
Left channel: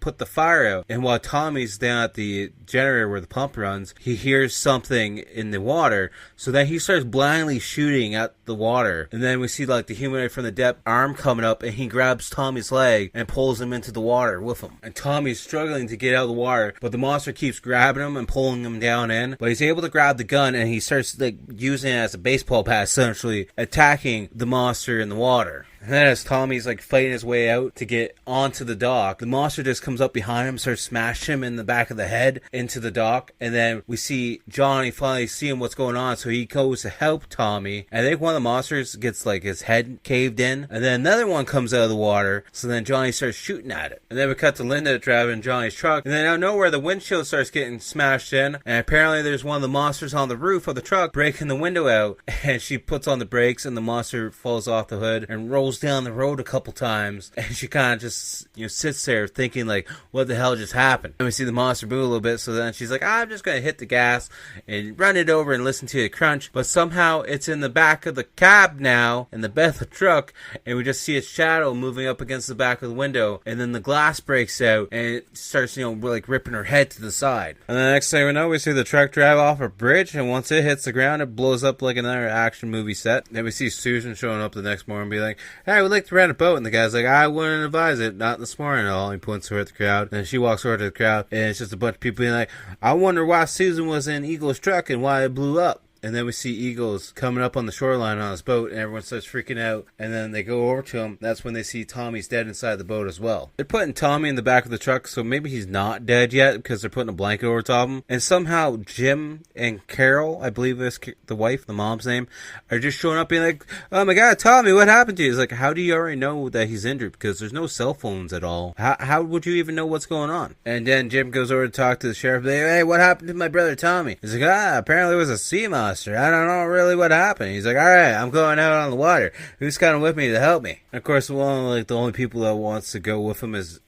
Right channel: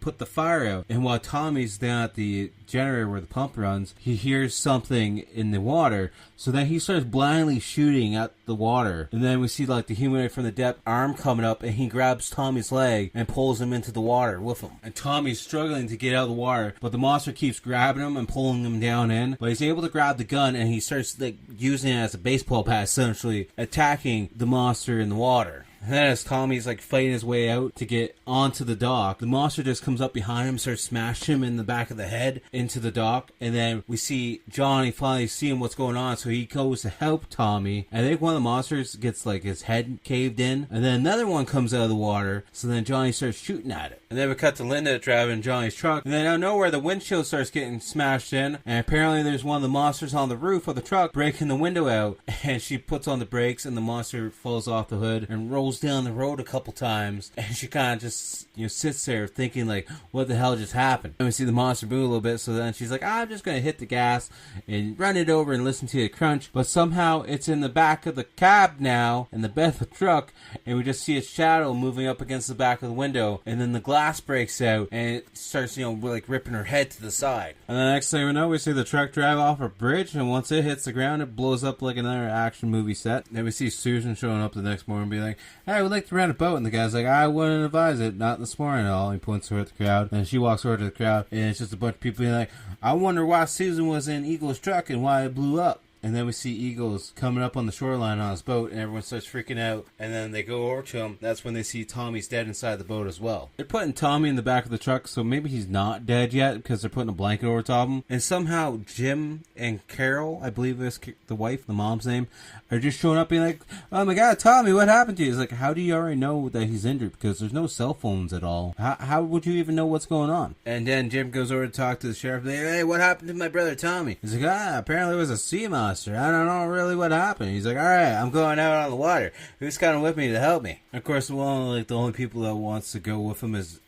put the fire out. And while Tommy's down at the generator where the pump runs, he hears something in the water, so then he starts blindly shooting at the water. And then we see like the humanoid from the depth arm coming up, and he grabs Tommy's leg and pulls him into the water with him. And Tommy's struggling to get out of the water, but the monster keeps grabbing him and pulling him down in. But he's able to grab the gun, and he starts like using it as a baseball bat, essentially attacking the monster in the water. And then as Tommy's like fighting his way out to get onto the dock, the monster just comes up behind him, starts smashing him in the back of the head into the dock. And then we see Johnny finally seeing what's going on, so he goes to help Tommy. I think one of the monsters gets like his head caved in, and then another one comes out of the water, so then Johnny starts shooting at it. And then we cut to Linda driving Johnny's truck, and then out of nowhere the windshield starts getting smashed in, and apparently there's one of the monsters on the roof of the truck breaking the window out, and she puts on the brakes, and the monster falls off the hood and rolls down the road a couple times, and she kind of just sits there thinking like, what the hell just happened? And we see the monster move a little bit, so then she's like, I'm just gonna hit the gas and run it over and listen to it crunch. But somehow it's in the back of the cab now, in the bed of the truck, and we just see its shadow moving up against the back of the window, and then the glass breaks out and it starts like ripping her head to the side. And then the next thing we know, we see the truck drive off a bridge, and once it hits the ground, it blows up like another action movie set. Then we see Susan showing up the next morning and be like, hey, we'd like to rent a boat. And the guy's like, I wouldn't advise it, not this morning at all. And he points over at the crowd, and then she walks over to the crowd, and it's just a bunch of people being like, I wonder why Susan was in Eagle's truck and why it blew up. And then we see Eagles coming up on the shoreline on his boat, and everyone starts freaking out. And then they go over to him. That's when they see Tommy's dead inside the boat as well. They're putting Tommy in the back of the truck, so maybe he's not dead yet because they're putting a blanket over top him. And somehow Jim and Carol, I believe is the wife, the mom's name, are just showing up being like, oh my god, Tommy, what happened to you? He's like, how do you already know that he's injured? Because there's no cell phones at all. How would you even know what's going on? And then Jim goes over to talk to the sheriff. They, hey, what happened to my brother Tommy? He's like, apparently it was a sea monster. I don't know really what happened. He's like, alright, I'm going out on the water. Who's coming with me to help me? And of course, the only people that wants to go with him is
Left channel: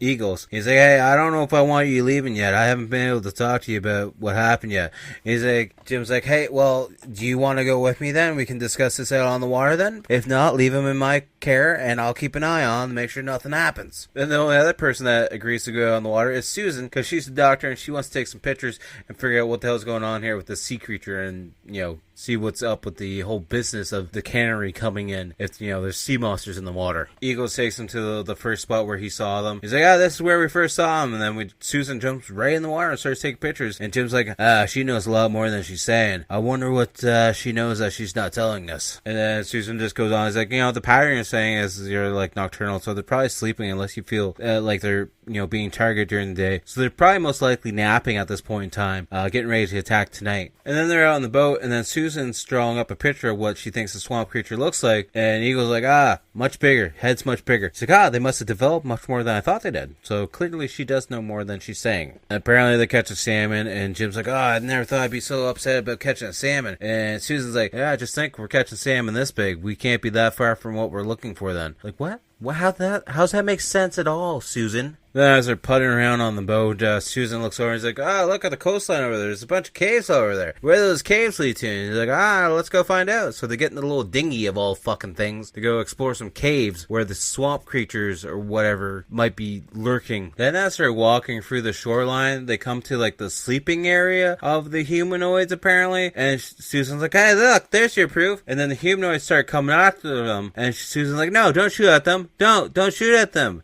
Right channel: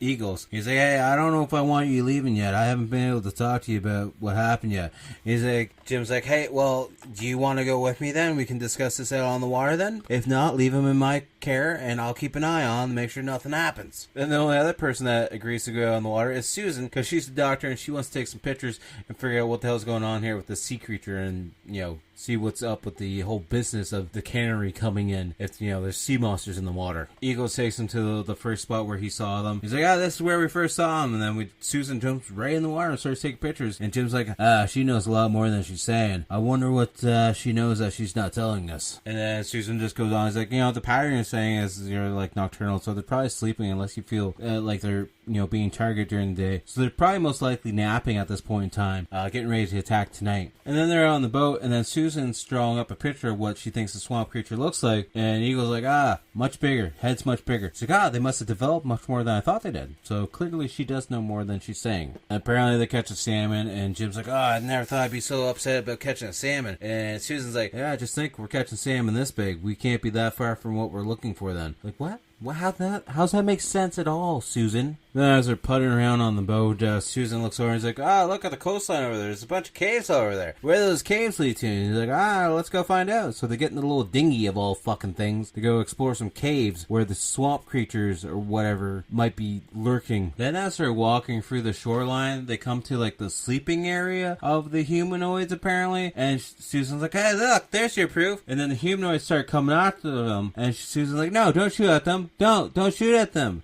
Eagles. He's like, hey, I don't know if I want you leaving yet. I haven't been able to talk to you about what happened yet. He's like, Jim's like, hey, well, do you want to go with me then? We can discuss this out on the water then. If not, leave him in my care, and I'll keep an eye on to make sure nothing happens. Then the only other person that agrees to go out on the water is Susan, because she's the doctor, and she wants to take some pictures and figure out what the hell's going on here with the sea creature, and, see what's up with the whole business of the cannery coming in if, there's sea monsters in the water. Eagles takes him to the first spot where he saw them. He's like, this is where we first saw him. And then Susan jumps right in the water and starts taking pictures. And Jim's like, she knows a lot more than she's saying. I wonder what she knows that she's not telling us. And then Susan just goes on. He's like, the pattern you're saying is you're like nocturnal, so they're probably sleeping unless you feel like they're, being targeted during the day. So they're probably most likely napping at this point in time, getting ready to attack tonight. And then they're out on the boat, and then Susan Susan's drawing up a picture of what she thinks the swamp creature looks like, and Eagle's like, much bigger, head's much bigger. She's like, they must have developed much more than I thought they did. So clearly she does know more than she's saying. And apparently they catch a salmon, and Jim's like, I never thought I'd be so upset about catching a salmon. And Susan's like, yeah, just think we're catching salmon this big. We can't be that far from what we're looking for then. Like, what? How's that make sense at all, Susan? Then as they're putting around on the boat, Susan looks over and is like, look at the coastline over there. There's a bunch of caves over there. Where do those caves lead to? And he's like, let's go find out. So they get in the little dinghy of all fucking things to go explore some caves where the swamp creatures or whatever might be lurking. Then as they're walking through the shoreline, they come to like the sleeping area of the humanoids apparently. And Susan's like, hey, look, there's your proof. And then the humanoids start coming after them. And Susan's like, no, don't shoot at them. Don't shoot at them.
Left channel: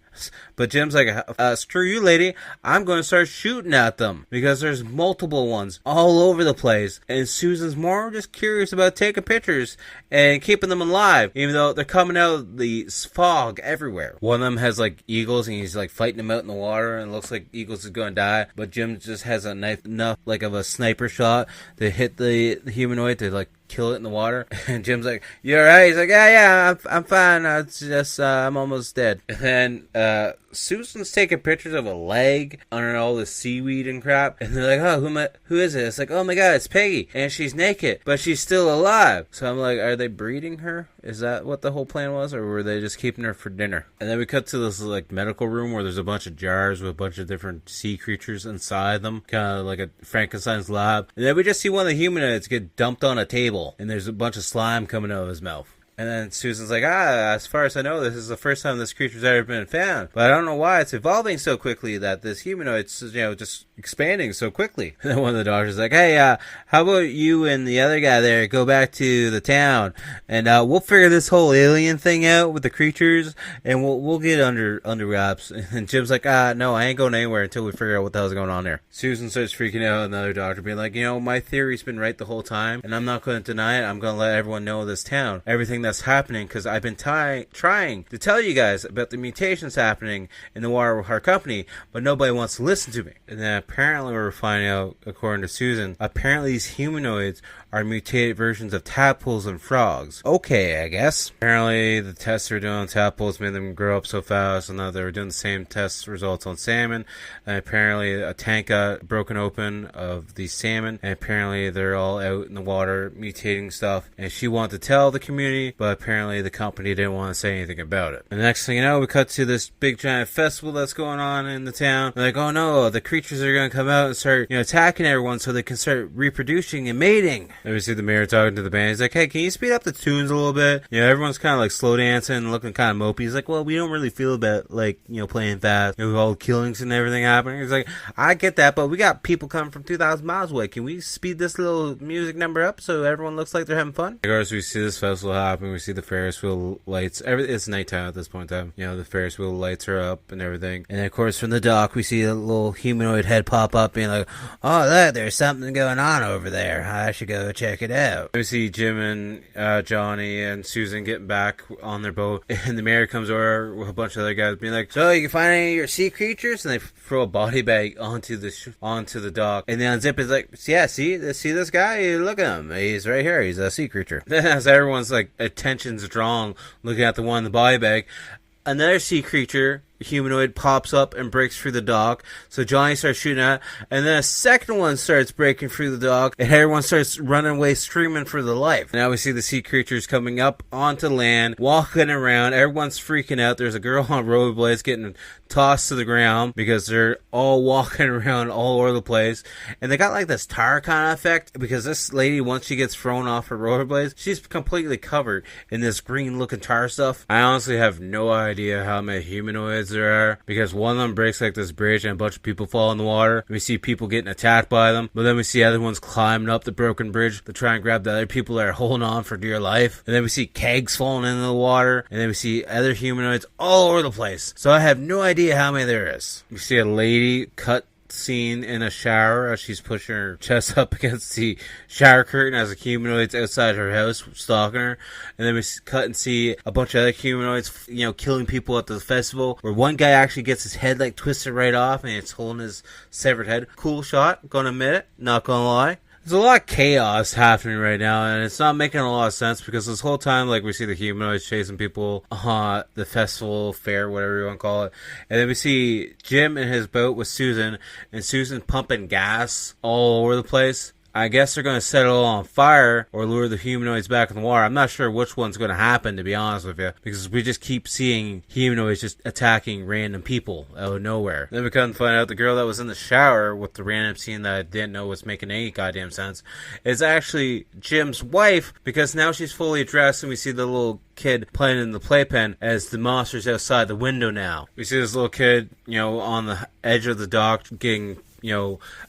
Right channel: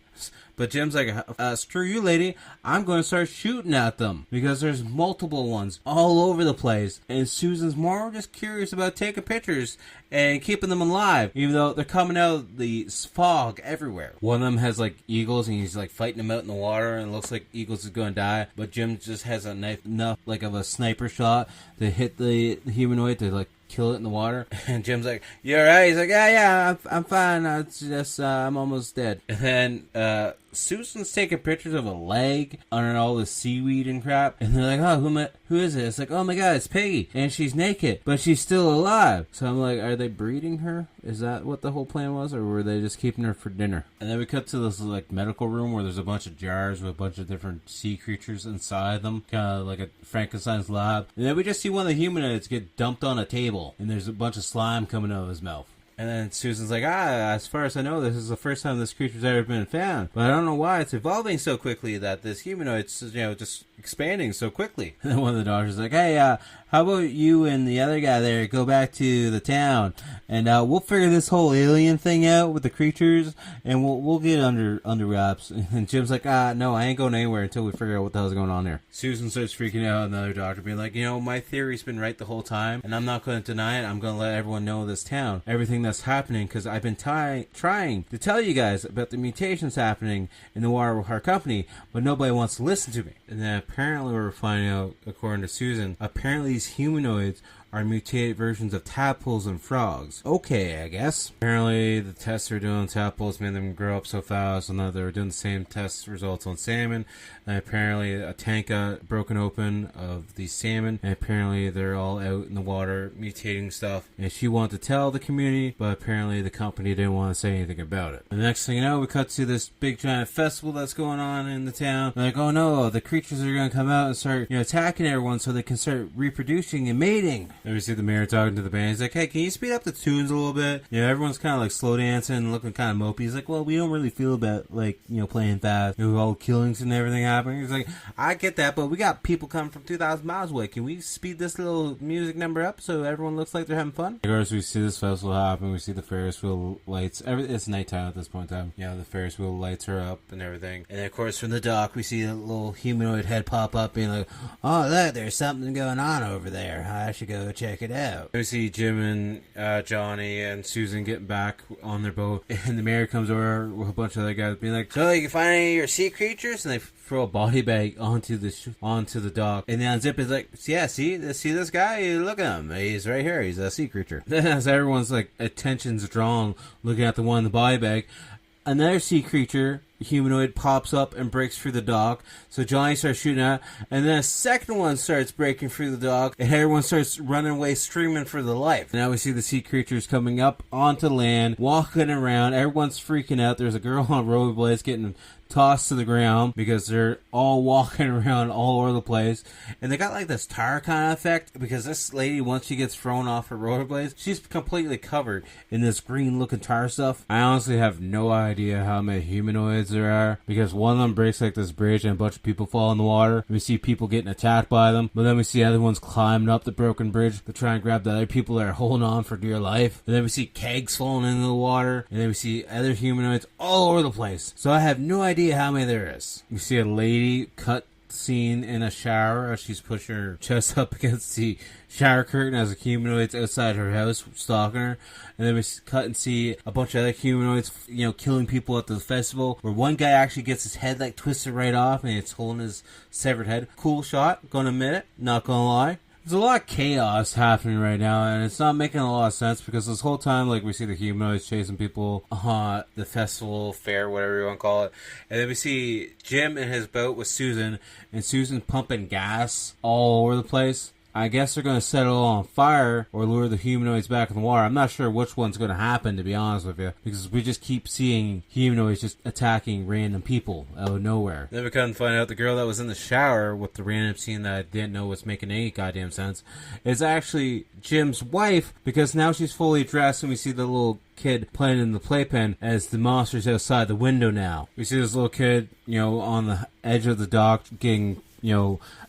But Jim's like, screw you, lady. I'm going to start shooting at them. Because there's multiple ones all over the place. And Susan's more just curious about taking pictures and keeping them alive. Even though they're coming out of the fog everywhere. One of them has like eagles and he's like fighting them out in the water. And it looks like eagles is going to die. But Jim just has a knife enough like of a sniper shot to hit the humanoid to like kill it in the water. And Jim's like, you alright? He's like, yeah, I'm fine. It's just, I'm almost dead. And then, Susan's taking pictures of a leg under all the seaweed and crap. And they're like, who is it? It's like, oh my god, it's Peggy. And she's naked, but she's still alive. So I'm like, are they breeding her? Is that what the whole plan was? Or were they just keeping her for dinner? And then we cut to this like medical room where there's a bunch of jars with a bunch of different sea creatures inside them. Kind of like a Frankenstein's lab. And then we just see one of the humanoids get dumped on a table. And there's a bunch of slime coming out of his mouth. And then Susan's like, as far as I know, this is the first time this creature's ever been found. But I don't know why it's evolving so quickly that this humanoid's, just expanding so quickly. And then one of the doctors is like, hey, how about you and the other guy there go back to the town and we'll figure this whole alien thing out with the creatures and we'll get under wraps. And Jim's like, no, I ain't going anywhere until we figure out what the hell's going on here. Susan starts freaking out, and the other doctor being like, my theory's been right the whole time, and I'm not going to deny it. I'm going to let everyone know this town, everything that's happening, because I've been trying to tell you guys about the mutations happening in the water with our company, but nobody wants to listen to me. And then apparently we're finding out, according to Susan, apparently these humanoids are mutated versions of tadpoles and frogs. Okay, I guess. Apparently, the tests they're doing on tadpoles made them grow up so fast, and that they were doing the same test results on salmon. And apparently, a tank got broken open of these salmon, and apparently, they're all out in the water mutating stuff. And she wanted to tell the community, but apparently, the company didn't want to say anything about it. And the next thing you know, we cut to this big giant festival that's going on in the town. They're like, oh no, the creatures are going to come out and start, attacking everyone so they can start reproducing and mating. And we see the mayor talking to the band. He's like, hey, can you speed up the tunes a little bit? Everyone's kind of like slow dancing and looking kind of mopey. He's like, well, we don't really feel about like, playing fast. With all the killings and everything happening. He's like, I get that, but we got people coming from 2,000 miles away. Can we speed this little music number up so everyone looks like they're having fun? Of course, we see this festival happen. We see the Ferris wheel lights. It's nighttime at this point in time. The Ferris wheel lights are up and everything. And then, of course, from the dock, we see a little humanoid head pop up being like, oh, look, there's something going on over there. I should go check it out. We see Jim and Johnny and Susan getting back on their boat, and the mayor comes over with a bunch of other guys being like, so you can find any of your sea creatures? And they throw a body bag onto the dock, and they unzip it. It's like, yeah, see this guy? Look at him. He's right here. He's a sea creature. Then as everyone's like attention's drawn looking at the one in the body bag, another sea creature humanoid pops up and breaks through the dock. So Johnny starts shooting at it, and then a second one starts breaking through the dock, and everyone starts running away screaming for their life. Now we see the sea creatures coming up onto land, walking around. Everyone's freaking out. There's a girl on rollerblades getting tossed to the ground because they're all walking around all over the place, and they got like this tar kind of effect because this lady, once she gets thrown off her rollerblades, she's completely covered in this green looking tar stuff. I honestly have no idea how many humanoids there are, because one of them breaks like this bridge and a bunch of people fall in the water. We see people getting attacked by them, but then we see other ones climbing up the broken bridge to try and grab the other people that are holding on for dear life. And then we see kegs falling into the water, and then we see other humanoids all over the place. So I have no idea how many there is. We see a lady cut scene in a shower as she's pushing her chest up against the shower curtain as a humanoid's outside her house stalking her. And then we cut and see a bunch of other humanoids, killing people at the festival, where one guy actually gets his head like twisted right off and it's holding his severed head. Cool shot, gonna admit it, not gonna lie. there's a lot of chaos happening right now, and it's not making a lot of sense because this whole time, like, we see the humanoids chasing people, the festival, fair, whatever you want to call it, and then we see Jim in his boat with Susan, and Susan's pumping gas all over the place. I guess they're going to set it all on fire or lure the humanoids back in the water. I'm not sure which one's going to happen, to be honest with you, because we just keep seeing humanoids just attacking random people out of nowhere. Then we come to find out the girl that was in the shower with the random scene that I didn't know was making any goddamn sense is actually Jim's wife, because now she's fully dressed and we see the little kid playing in the playpen as the monster's outside the window now. We see this little kid, on the edge of the dock getting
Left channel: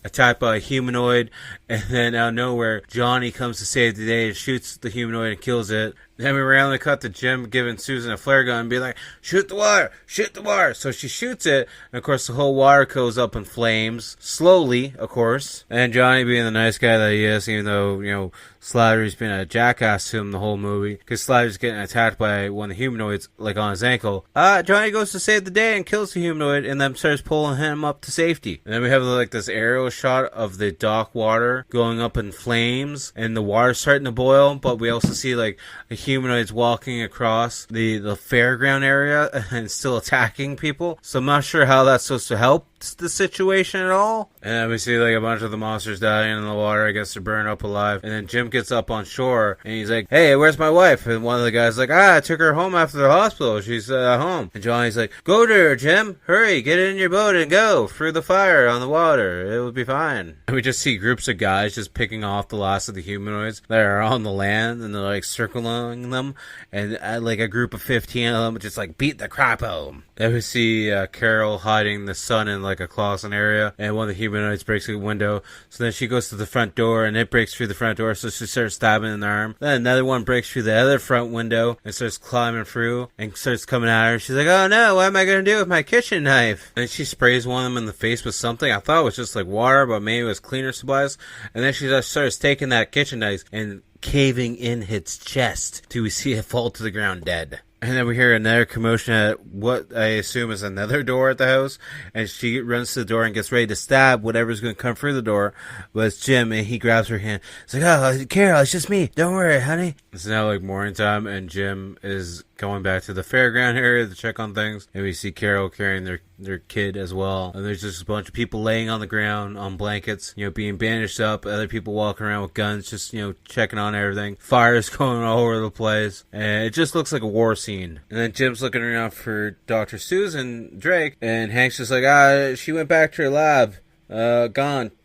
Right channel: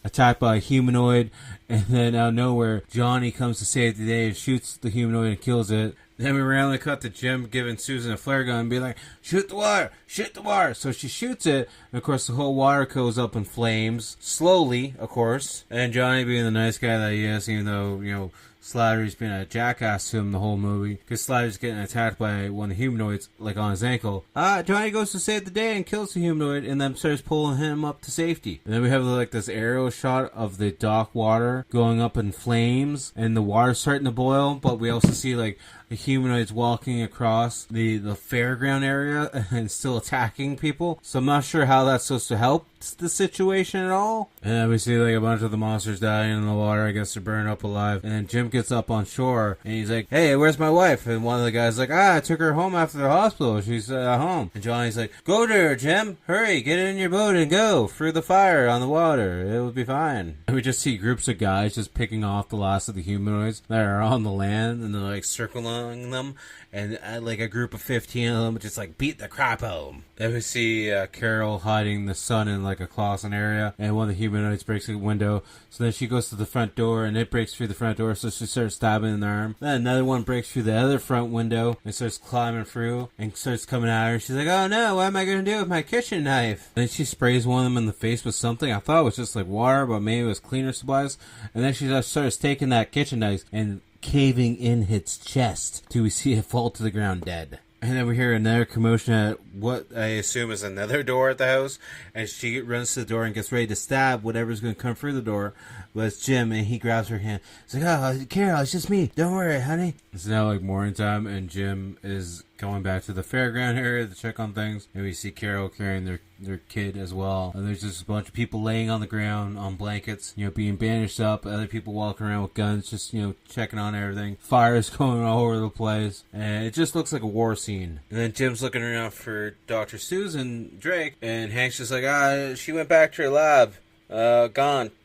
attacked by a humanoid, and then out of nowhere, Johnny comes to save the day and shoots the humanoid and kills it. Then we randomly cut to Jim giving Susan a flare gun and being like, shoot the water, shoot the water. So she shoots it, and of course the whole water goes up in flames, slowly, of course. And Johnny being the nice guy that he is, even though, Slattery's been a jackass to him the whole movie, because Slattery's getting attacked by one of the humanoids, like on his ankle. Johnny goes to save the day and kills the humanoid, and then starts pulling him up to safety. And then we have like this aerial shot of the dock water going up in flames, and the water's starting to boil, but we also see like the humanoids walking across the fairground area and still attacking people. So I'm not sure how that's supposed to help the situation at all. And then we see like a bunch of the monsters dying in the water. I guess they're burned up alive. And then Jim gets up on shore and he's like, hey, where's my wife? And one of the guys like, I took her home after the hospital. She's at home. And Johnny's like, go to her, Jim. Hurry, get in your boat and go through the fire on the water. It will be fine. And we just see groups of guys just picking off the last of the humanoids that are on the land, and they're like circling them, and like a group of 15 of them just like beat the crap out of them. Then we see Carol hiding the sun in like a closet area, and one of the humanoids breaks the window. So then she goes to the front door, and it breaks through the front door, so she starts stabbing in the arm. Then another one breaks through the other front window and starts climbing through and starts coming at her. She's like, oh no, what am I going to do with my kitchen knife? And then she sprays one of them in the face with something. I thought it was just like water, but maybe it was cleaner supplies. And then she just starts taking that kitchen knife and caving in its chest till we see it fall to the ground dead. And then we hear another commotion at what I assume is another door at the house. And she runs to the door and gets ready to stab whatever's going to come through the door. But it's Jim, and he grabs her hand. It's like, oh, Carol, it's just me. Don't worry, honey. It's now like morning time, and Jim is going back to the fairground area to check on things. And we see Carol carrying their kid as well. And there's just a bunch of people laying on the ground on blankets, being bandaged up. Other people walking around with guns, just, checking on everything. Fires going all over the place. And it just looks like a war scene. And then Jim's looking around for Dr. Susan Drake. And Hank's just like, she went back to her lab.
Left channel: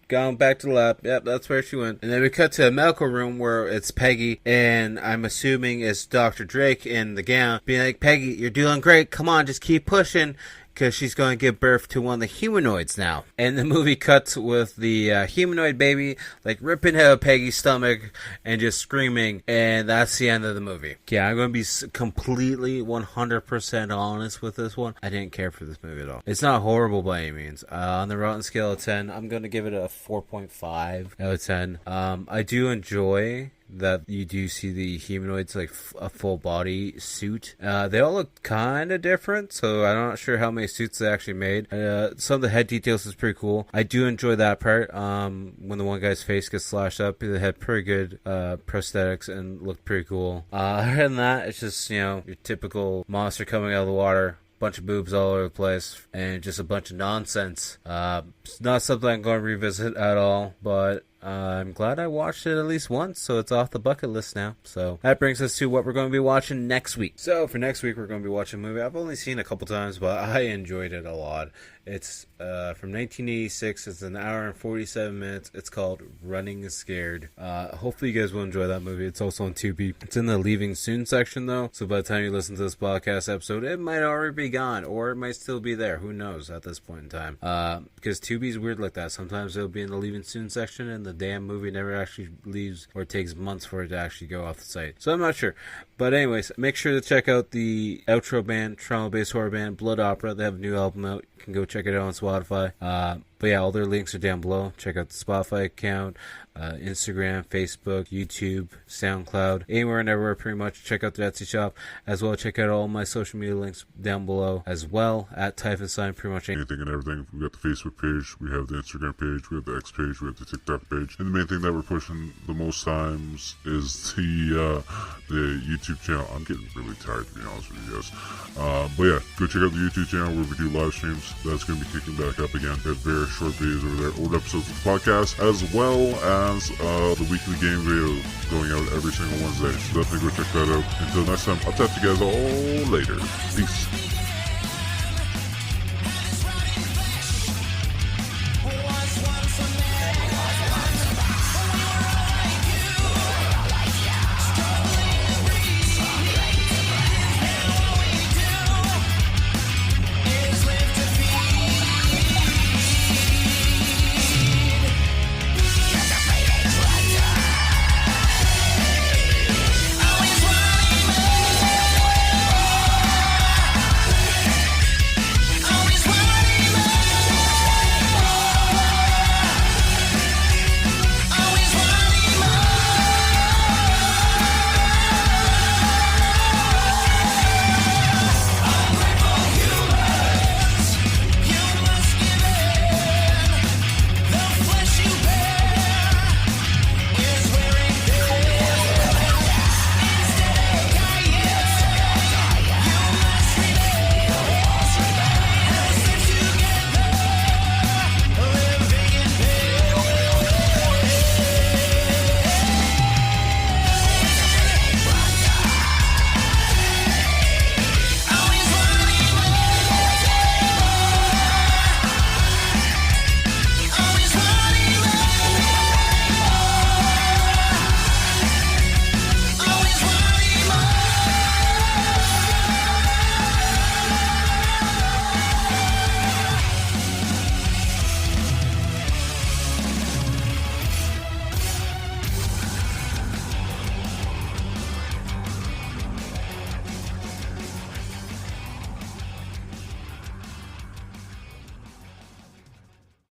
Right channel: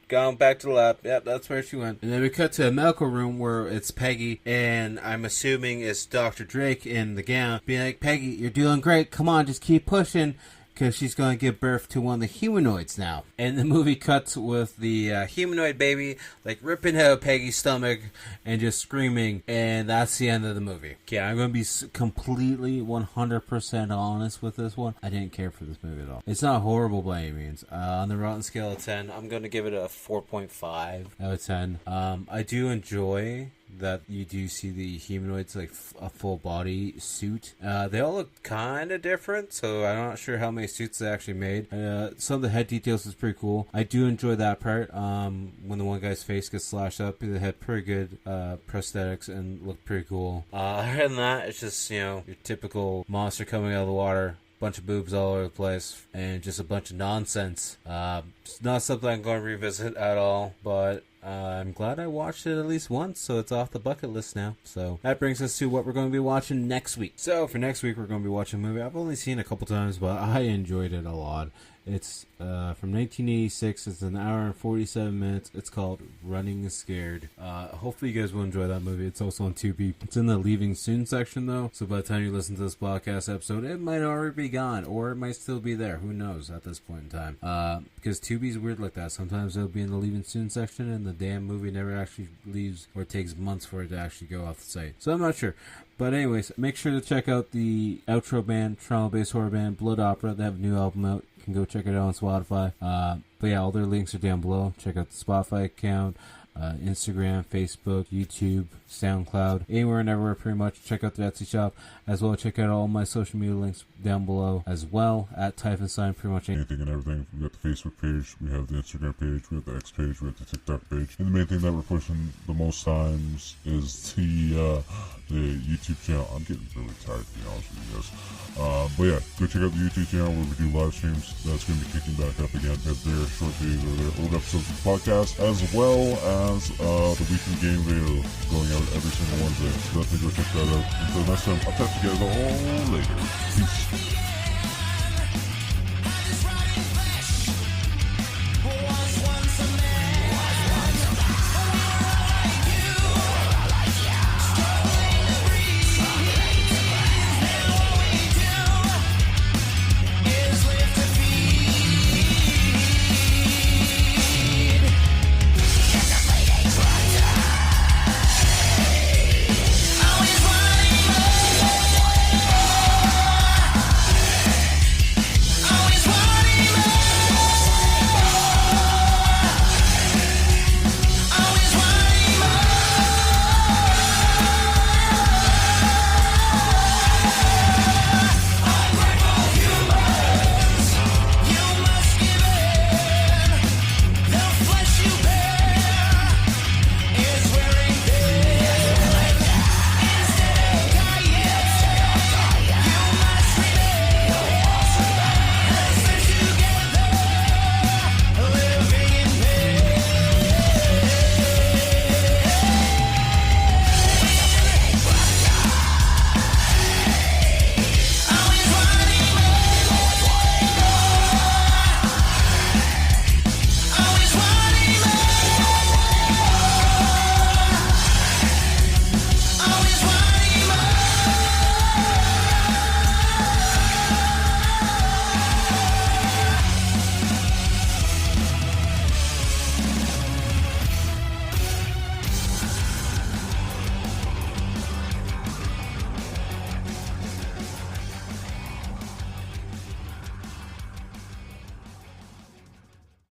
Gone back to the lab. Yep, that's where she went. And then we cut to a medical room where it's Peggy, and I'm assuming it's Dr. Drake in the gown, being like, Peggy, you're doing great. Come on, just keep pushing, because she's going to give birth to one of the humanoids now. And the movie cuts with the humanoid baby, like, ripping out of Peggy's stomach and just screaming, and that's the end of the movie. Yeah, I'm going to be completely 100% honest with this one. I didn't care for this movie at all. It's not horrible by any means. On the Rotten scale of 10, I'm going to give it a 4.5 out of 10. I do enjoy that you do see the humanoids like a full body suit. They all look kind of different, so I'm not sure how many suits they actually made. Some of the head details is pretty cool. I do enjoy that part. When the one guy's face gets slashed up, they had pretty good prosthetics and looked pretty cool. Other than that, it's just your typical monster coming out of the water. Bunch of boobs all over the place and just a bunch of nonsense. It's not something I'm going to revisit at all, but I'm glad I watched it at least once, so it's off the bucket list now. So that brings us to what we're going to be watching next week. So for next week, we're going to be watching a movie I've only seen a couple times, but I enjoyed it a lot. It's from 1986. It's an hour and 47 minutes. It's called Running Scared. Hopefully you guys will enjoy that movie. It's also on Tubi. It's in the Leaving Soon section though, so by the time you listen to this podcast episode, it might already be gone, or it might still be there. Who knows at this point in time? Because Tubi's weird like that. Sometimes it'll be in the Leaving Soon section, and the damn movie never actually leaves, or it takes months for it to actually go off the site. So I'm not sure. But anyways, make sure to check out the outro band, Toronto-based horror band Blood Opera. They have a new album out. You can go check it out on Spotify. But But yeah, all their links are down below. Check out the Spotify account, Instagram, Facebook, YouTube, SoundCloud, anywhere and everywhere pretty much. Check out the Etsy shop as well. Check out all my social media links down below as well at Typhonstein, pretty much anything and everything. We've got the Facebook page, we have the Instagram page, we have the X page, we have the TikTok page, and the main thing that we're pushing the most times is the YouTube channel. I'm getting really tired, to be honest with you guys. But yeah, go check out the YouTube channel where we do live streams. That's going to be kicking back up again. We have very short videos over there, old episodes of the podcast, as well as the weekly game videos going out every single Wednesday. So definitely go check that out. Until next time, I'll talk to you guys all later. Peace.